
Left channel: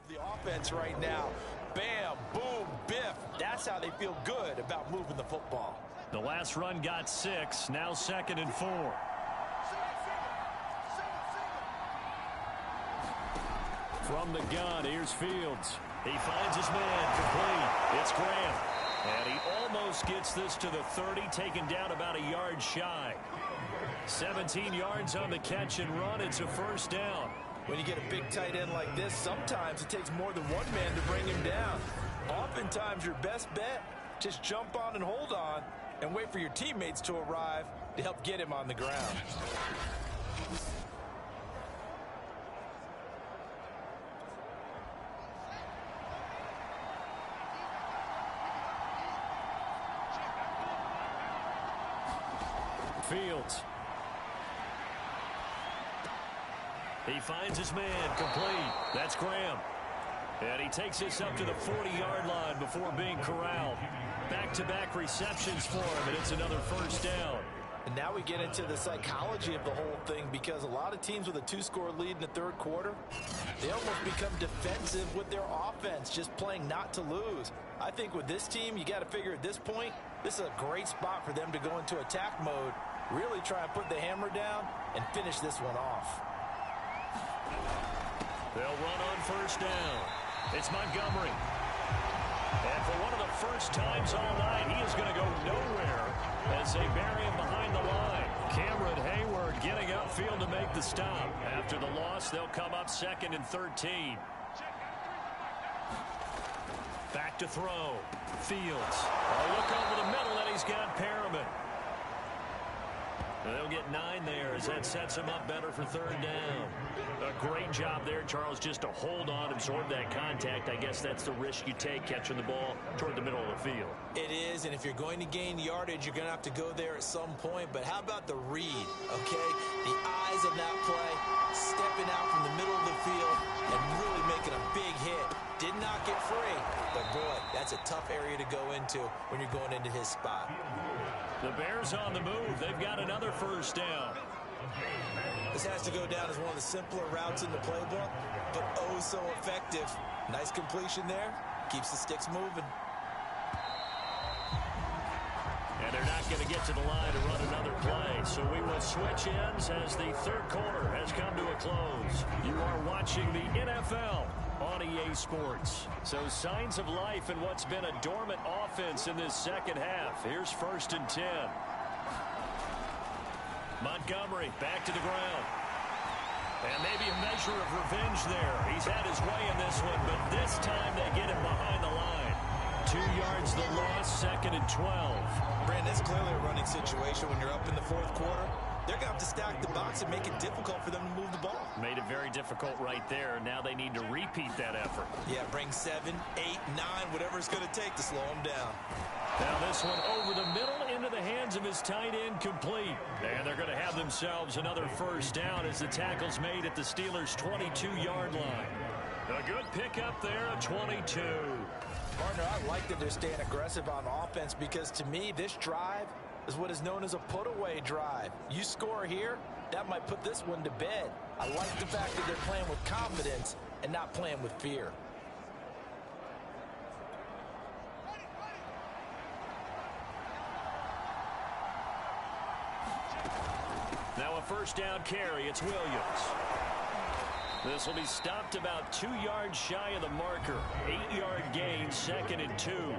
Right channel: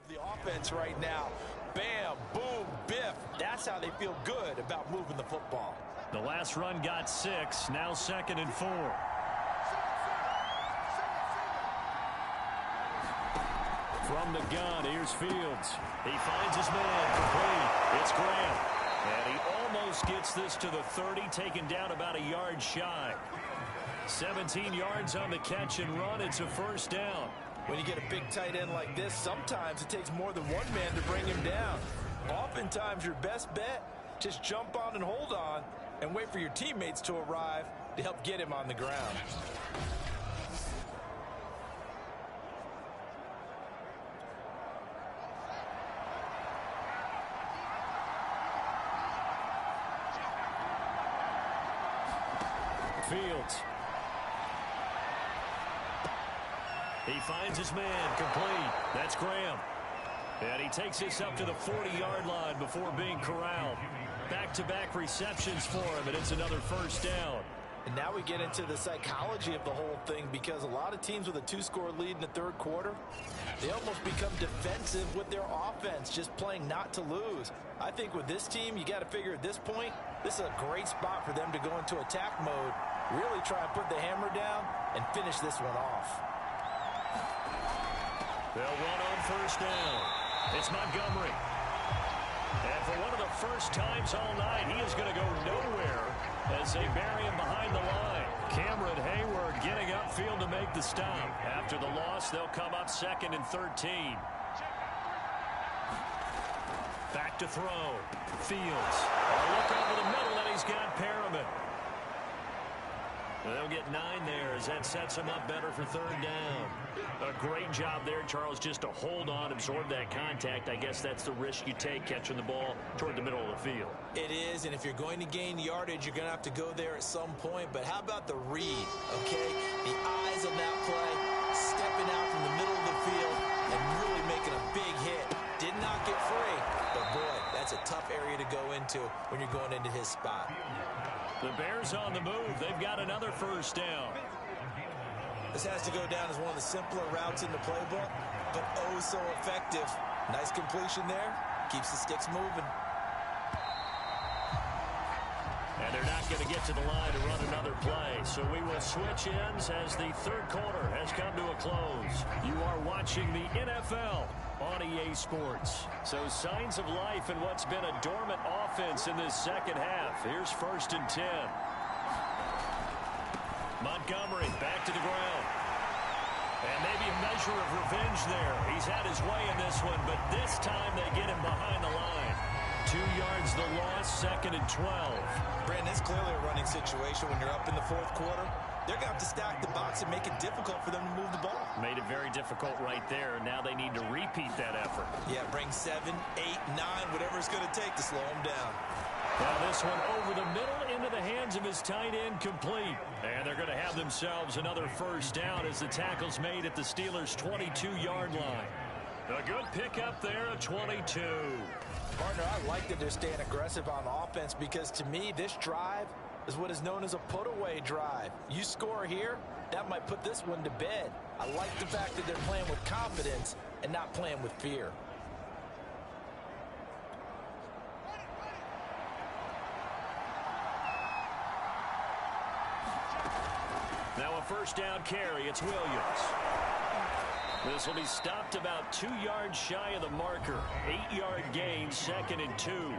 The offense right now. Bam, boom, biff. That's how they feel good about moving the football. The last run got 6. Now 2nd and 4. From the gun, here's Fields. He finds his man complete. It's Graham. And he almost gets this to the 30, taken down about a yard shy. 17 yards on the catch and run. It's a first down. When you get a big tight end like this, sometimes it takes more than one man to bring him down. Oftentimes, your best bet, just jump on and hold on and wait for your teammates to arrive to help get him on the ground. Fields. He finds his man complete. That's Graham. And he takes this up to the 40-yard line before being corralled. Back-to-back receptions for him, and it's another first down. And now we get into the psychology of the whole thing, because a lot of teams with a 2-score lead in the third quarter, they almost become defensive with their offense, just playing not to lose. I think with this team, you got to figure at this point, this is a great spot for them to go into attack mode, really try and put the hammer down and finish this one off. They'll run on first down. It's Montgomery. And for one of the first times all night, he is going to go nowhere as they bury him behind the line. Cameron Hayward getting upfield to make the stop. After the loss, they'll come up 2nd and 13. Back to throw. Fields. A look over the middle, and he's got Perriman. They'll get 9 there as that sets them up better for third down. A great job there, Charles, just to hold on, absorb that contact. I guess that's the risk you take, catching the ball toward the middle of the field. It is, and if you're going to gain yardage, you're going to have to go there at some point. But how about the read, okay? The eyes on that play, stepping out from the middle of the field and really making a big hit. Did not get free, but boy, that's a tough area to go into when you're going into his spot. The Bears on the move. They've got another first down. This has to go down as one of the simpler routes in the playbook, but oh so effective. Nice completion there. Keeps the sticks moving. And they're not going to get to the line to run another play. So we will switch ends as the third quarter has come to a close. You are watching the NFL on EA Sports. So signs of life in what's been a dormant offense in this second half. Here's 1st and 10. Montgomery back to the ground. And maybe a measure of revenge there. He's had his way in this one, but this time they get him behind the line. 2 yards the loss, 2nd and 12. Brandon, it's clearly a running situation when you're up in the 4th quarter. They're going to have to stack the box and make it difficult for them to move the ball. Made it very difficult right there. Now they need to repeat that effort. Yeah, bring 7, 8, 9, whatever it's going to take to slow them down. Now this one over the middle into the hands of his tight end, complete. And they're going to have themselves another 1st down as the tackle's made at the Steelers' 22-yard line. A good pickup there at 22. Partner, I like that they're staying aggressive on offense because to me, this drive is what is known as a put-away drive. You score here, that might put this one to bed. I like the fact that they're playing with confidence and not playing with fear. Now a 1st down carry. It's Williams. This will be stopped about 2 yards shy of the marker. 8-yard gain, 2nd and 2.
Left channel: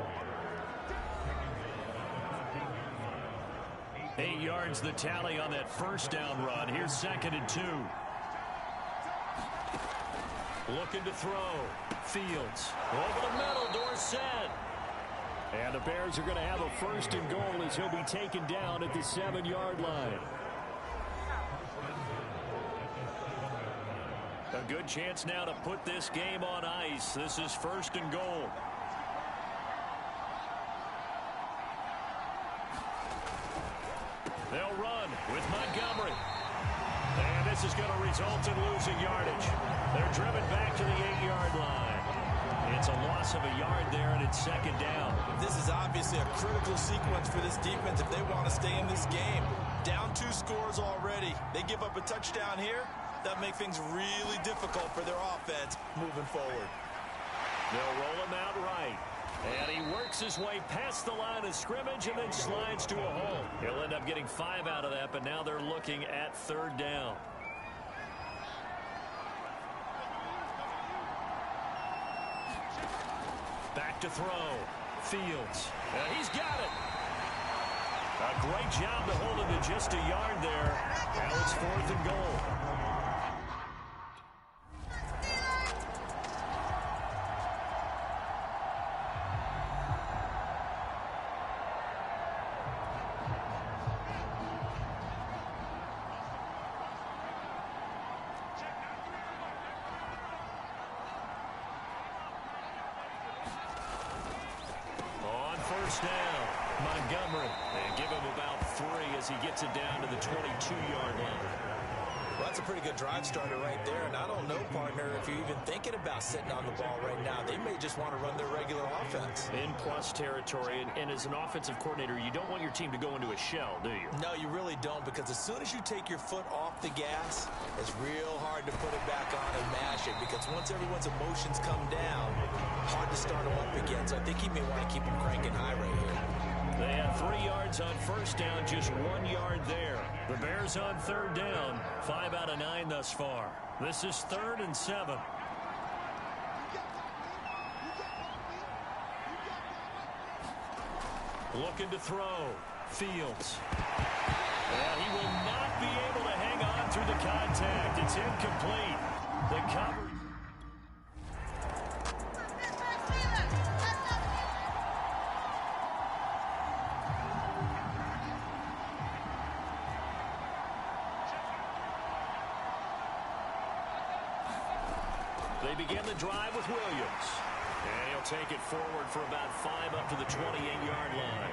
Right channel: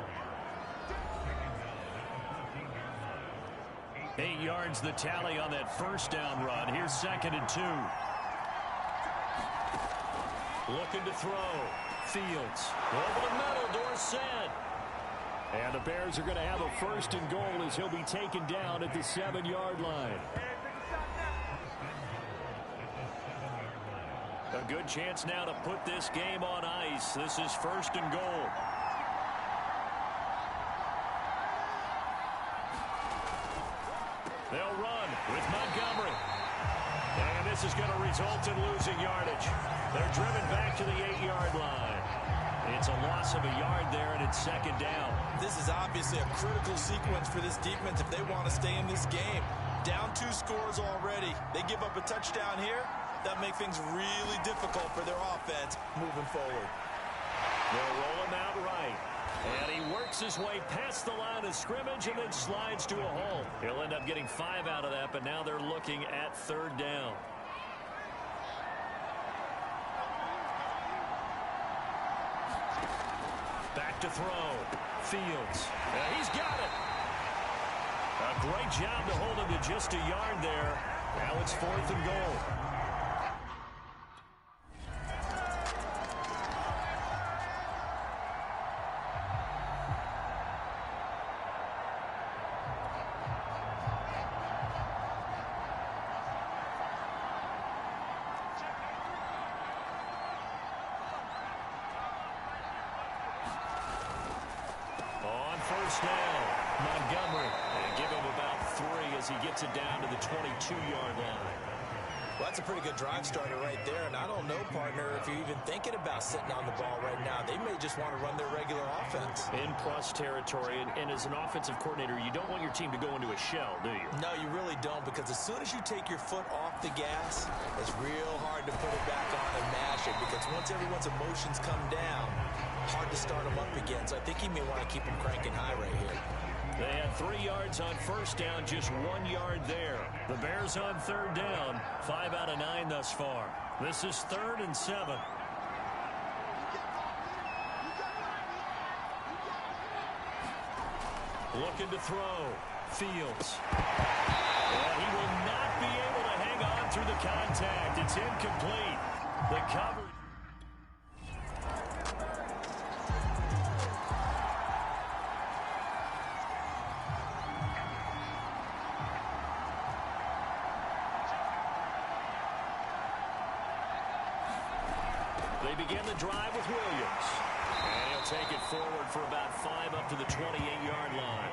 8 yards the tally on that 1st down run. Here's 2nd and 2. Looking to throw. Fields. Over the middle. Dorsett. And the Bears are going to have a 1st and goal as he'll be taken down at the 7-yard line. A good chance now to put this game on ice. This is 1st and goal. They'll run with Montgomery. And this is going to result in losing yardage. They're driven back to the 8-yard line. It's a loss of a yard there, and it's 2nd down. This is obviously a critical sequence for this defense if they want to stay in this game. Down 2 scores already. They give up a touchdown here. That make things really difficult for their offense moving forward. They'll roll him out right. And he works his way past the line of scrimmage and then slides to a hole. He'll end up getting 5 out of that, but now they're looking at 3rd down. Back to throw. Fields. He's got it. A great job to hold him to just a yard there. Now it's 4th and goal. On 1st down, Montgomery. And give him about 3 as he gets it down to the 22-yard line. Well, that's a pretty good drive starter right there, and I don't know, partner, if you're even thinking about sitting on the ball right now. They may just want to run their regular offense. In plus territory, and as an offensive coordinator, you don't want your team to go into a shell, do you? No, you really don't, because as soon as you take your foot off the gas, it's real hard to put it back on and mash it, because once everyone's emotions come down, hard to start them up again. So I think he may want to keep them cranking high right here. They had 3 yards on 1st down, just 1 yard there. The Bears on 3rd down, 5 out of 9 thus far. This is 3rd and 7. Looking to throw. Fields. And he will not be able to hang on through the contact. It's incomplete. The cover. They begin the drive with Williams. And he'll take it forward for about 5 up to the 28-yard line.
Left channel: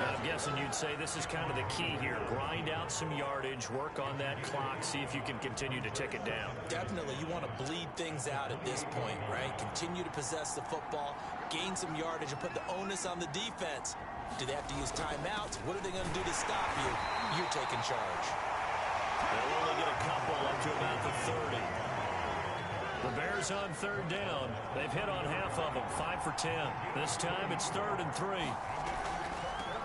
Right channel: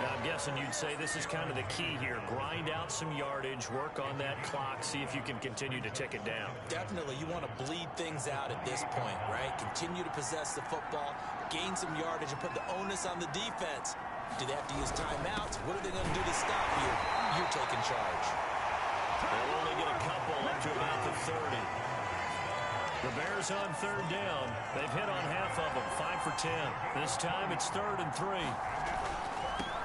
Now, I'm guessing you'd say this is kind of the key here. Grind out some yardage, work on that clock, see if you can continue to tick it down. Definitely. You want to bleed things out at this point, right? Continue to possess the football, gain some yardage, and put the onus on the defense. Do they have to use timeouts? What are they going to do to stop you? You're taking charge. They'll only get a couple up to about the 30. The Bears on third down. They've hit on half of them, 5 for 10. This time it's 3rd and 3.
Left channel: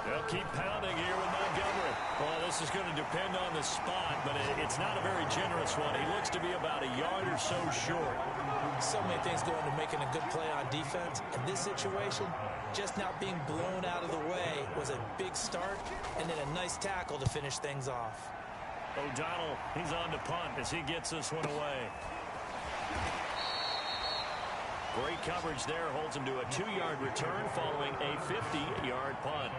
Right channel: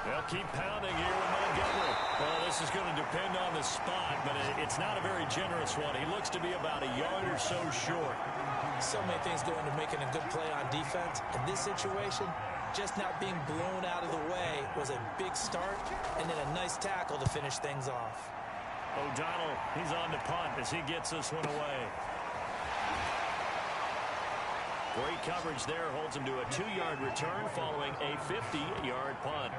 They'll keep pounding here with Montgomery. Well, this is going to depend on the spot, but it's not a very generous one. He looks to be about a yard or so short. So many things go into making a good play on defense. In this situation, just not being blown out of the way was a big start, and then a nice tackle to finish things off. O'Donnell, he's on to punt as he gets this one away. Great coverage there, holds him to a 2-yard return following a 50-yard punt.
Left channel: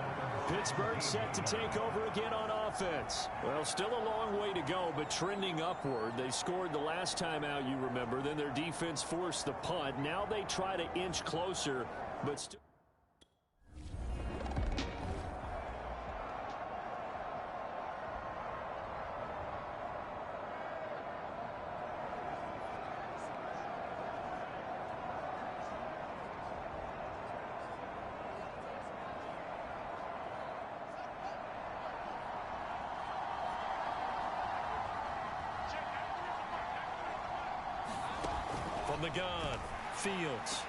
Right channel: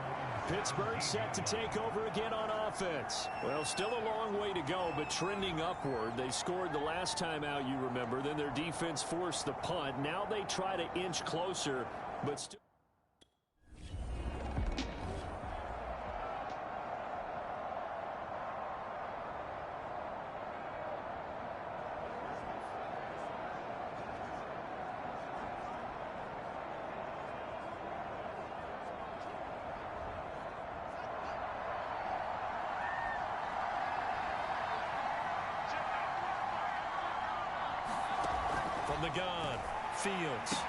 Pittsburgh set to take over again on offense. Well, still a long way to go, but trending upward. They scored the last time out, you remember. Then their defense forced the punt. Now they try to inch closer, but still. From the gun, Fields.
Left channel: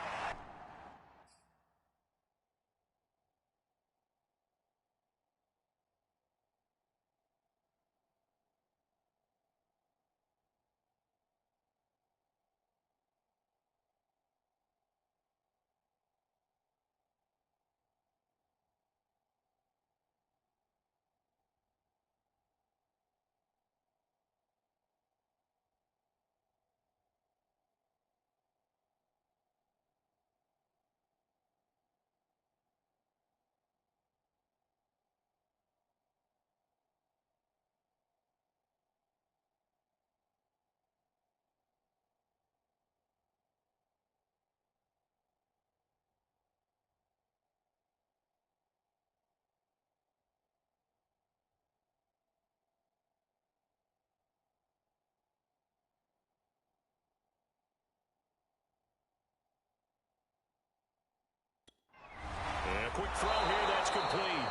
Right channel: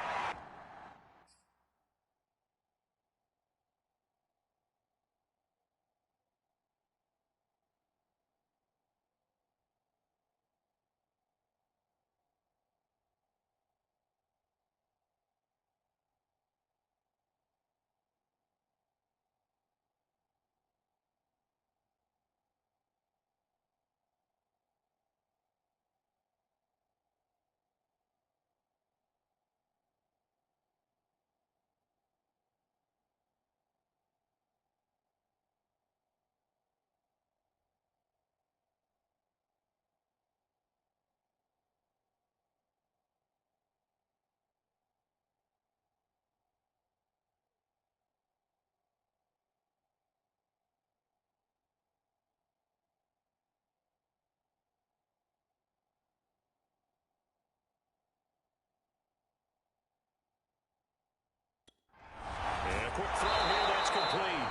And a quick throw here, that's complete.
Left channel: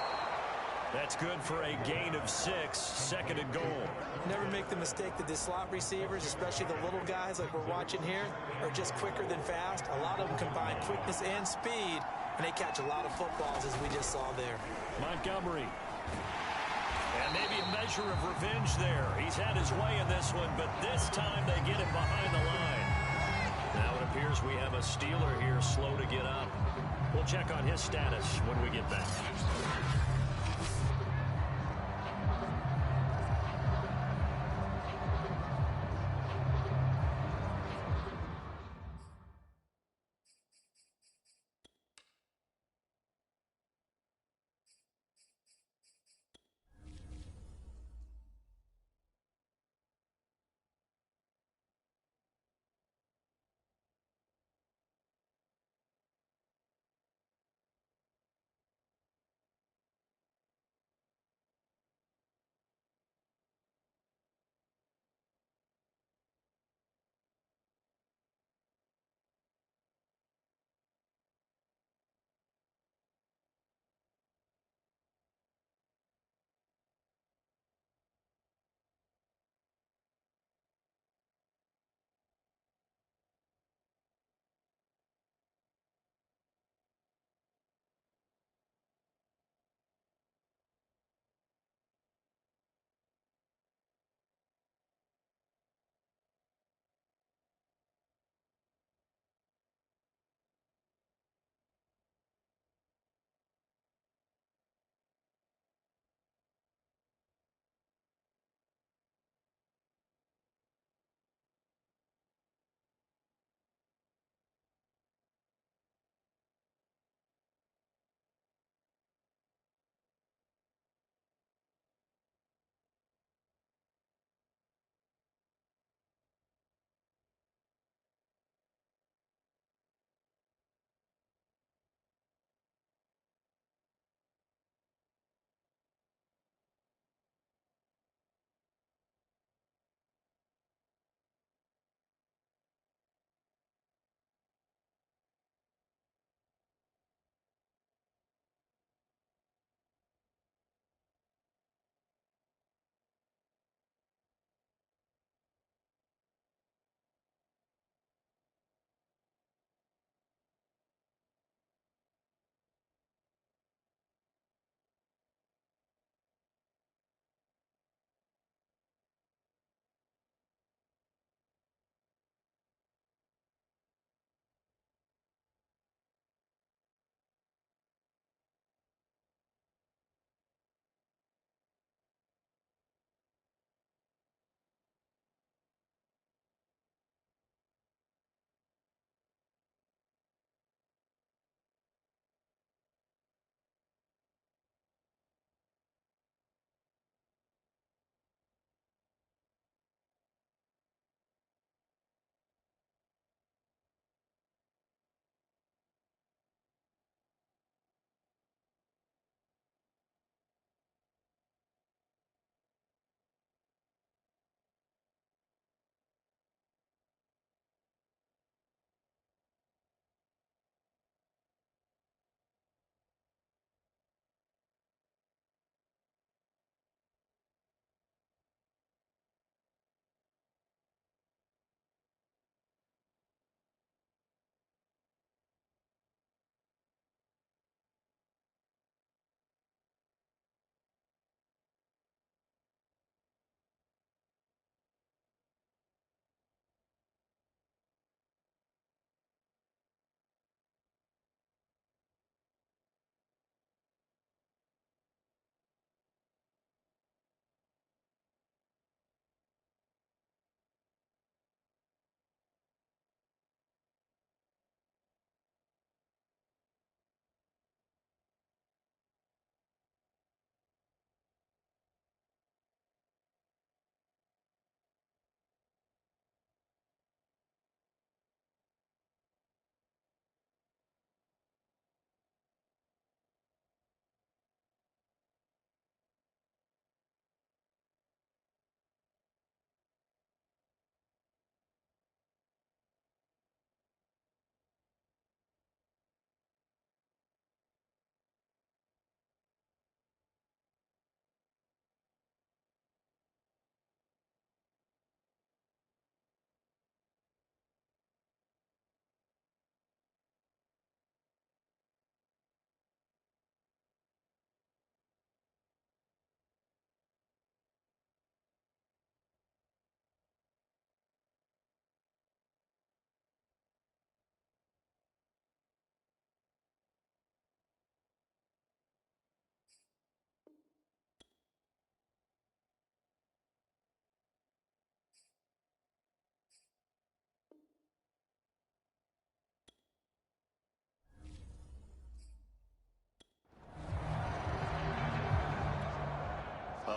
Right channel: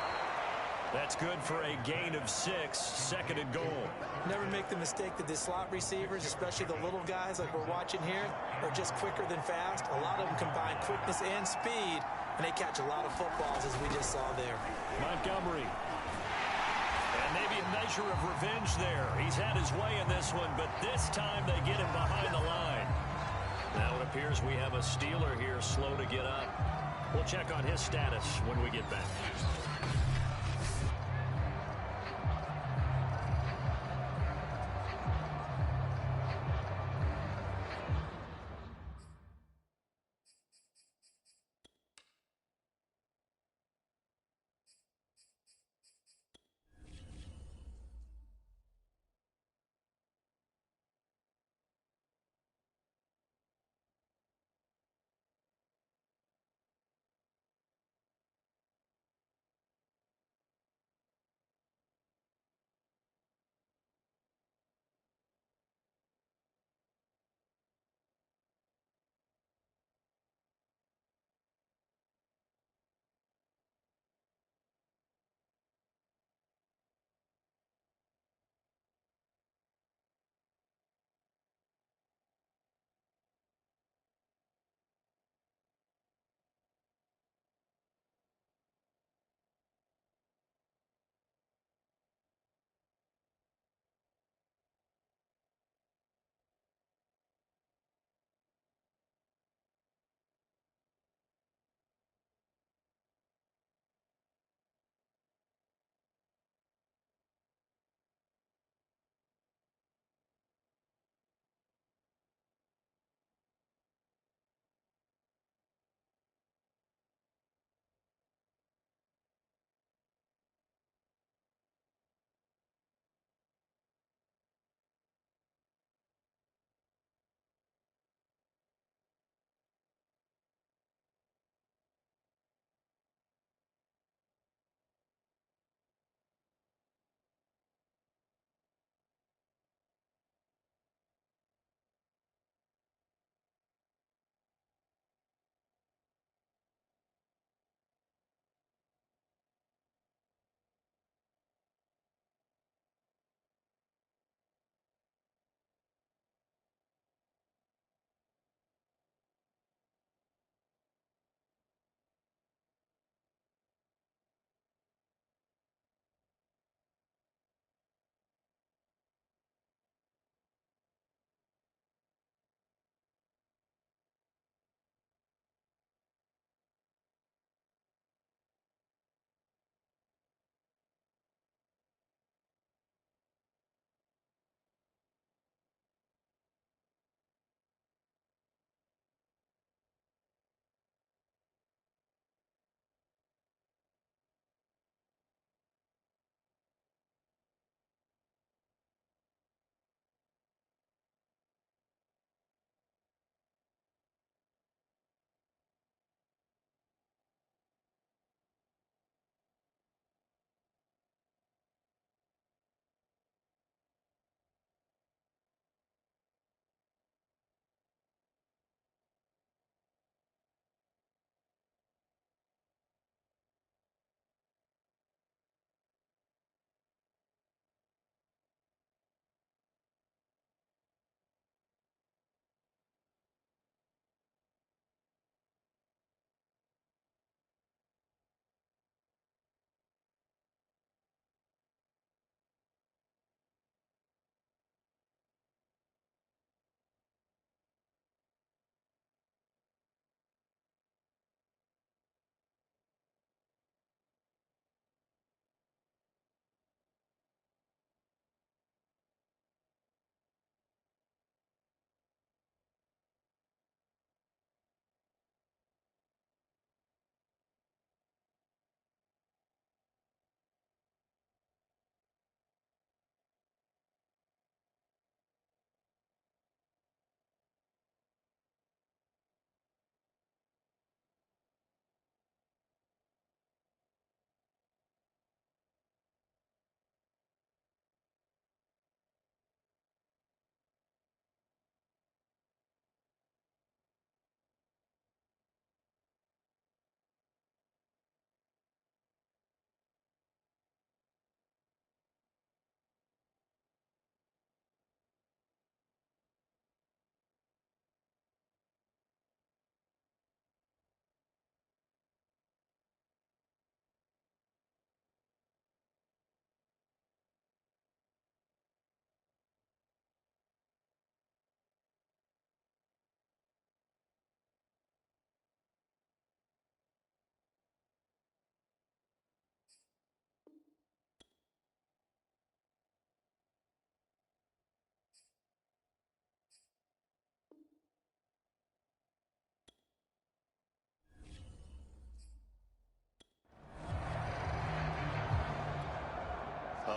That's good for a gain of 6, 2nd and goal. Never make the mistake that the slot receivers, especially the little guys like we're watching here, are just quicker than fast. A lot of them combine quickness and speed, and they catch a lot of footballs, as we just saw there. Montgomery. And maybe a measure of revenge there. He's had his way in this one, but this time they get him behind the line. Now it appears we have a Steeler here slow to get up. We'll check on his status when we get back.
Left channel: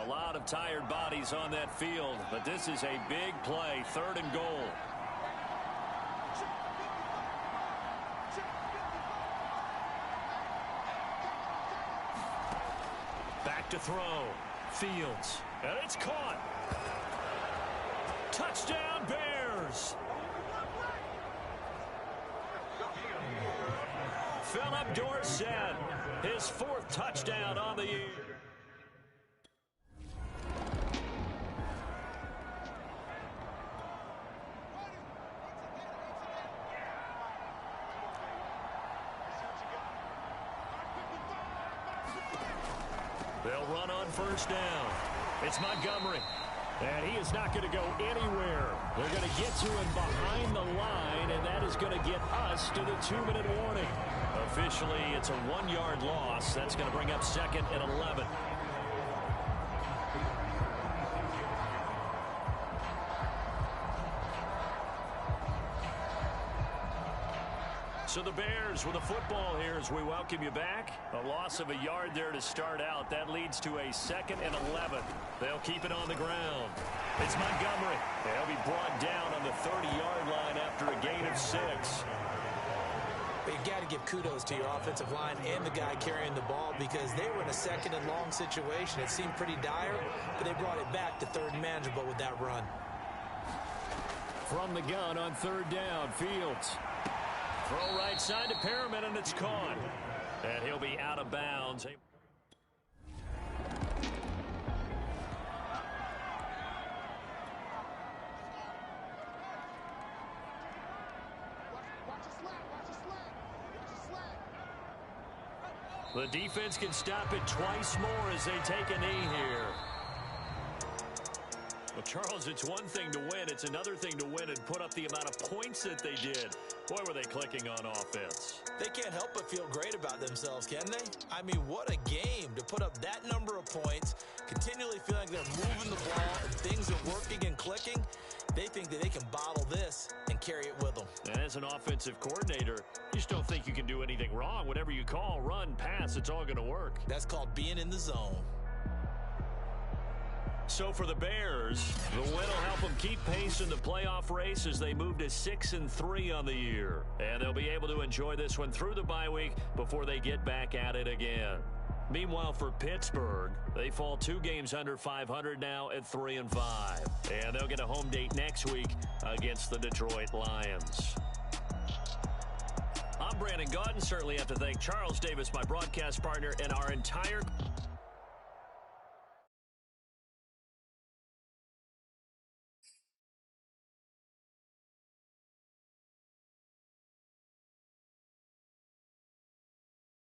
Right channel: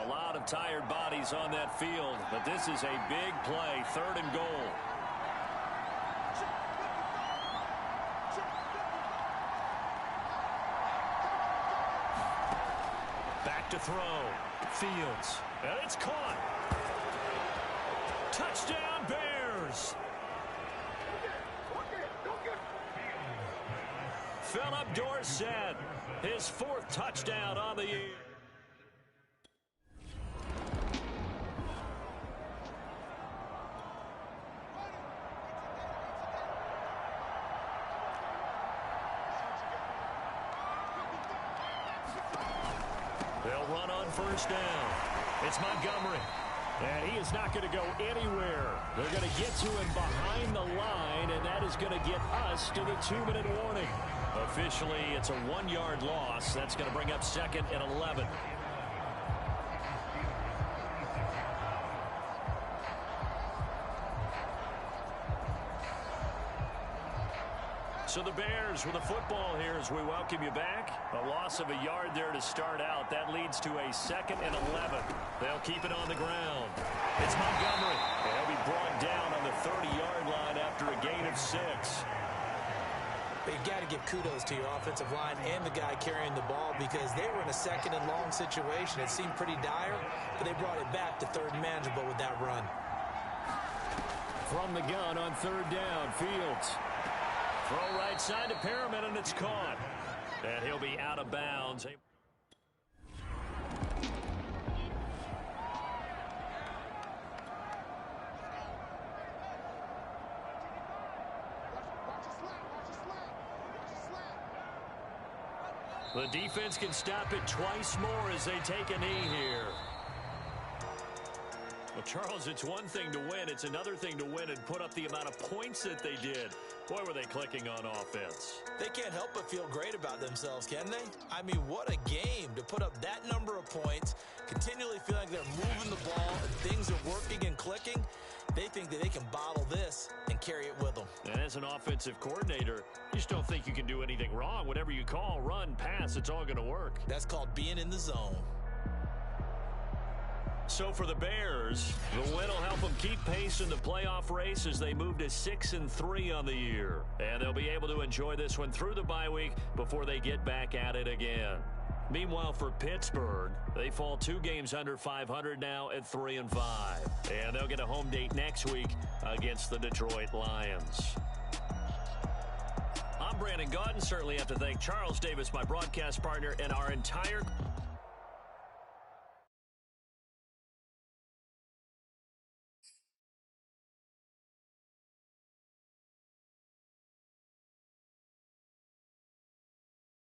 A lot of tired bodies on that field, but this is a big play, 3rd and goal. Back to throw. Fields. And it's caught. Touchdown, Bears. Philip Dorsett, his 4th touchdown on the year. They'll run on 1st down. It's Montgomery. And he is not going to go anywhere. They're going to get to him behind the line, and that is going to get us to the 2-minute warning. Officially, it's a 1-yard loss. That's going to bring up 2nd and 11. So the Bears with a football here as we welcome you back. A loss of a yard there to start out. That leads to a 2nd and 11. They'll keep it on the ground. It's Montgomery. They'll be brought down on the 30-yard line after a gain of 6. But you've got to give kudos to your offensive line and the guy carrying the ball because they were in a 2nd and long situation. It seemed pretty dire, but they brought it back to 3rd and manageable with that run. From the gun on 3rd down, Fields. Throw right side to Perriman, and it's caught. And he'll be out of bounds. The defense can stop it twice more as they take a knee here. Well, Charles, it's one thing to win. It's another thing to win and put up the amount of points that they did. Boy, were they clicking on offense. They can't help but feel great about themselves, can they? I mean, what a game to put up that number of points, continually feeling like they're moving the ball and things are working and clicking. They think that they can bottle this and carry it with them. And as an offensive coordinator, you just don't think you can do anything wrong. Whatever you call, run, pass, it's all going to work. That's called being in the zone. So for the Bears, the win will help them keep pace in the playoff race as they move to 6-3 on the year. And they'll be able to enjoy this one through the bye week before they get back at it again. Meanwhile, for Pittsburgh, they fall 2 games under 500 now at 3-5. And they'll get a home date next week against the Detroit Lions. I'm Brandon Gaudin. Certainly have to thank Charles Davis, my broadcast partner, and our entire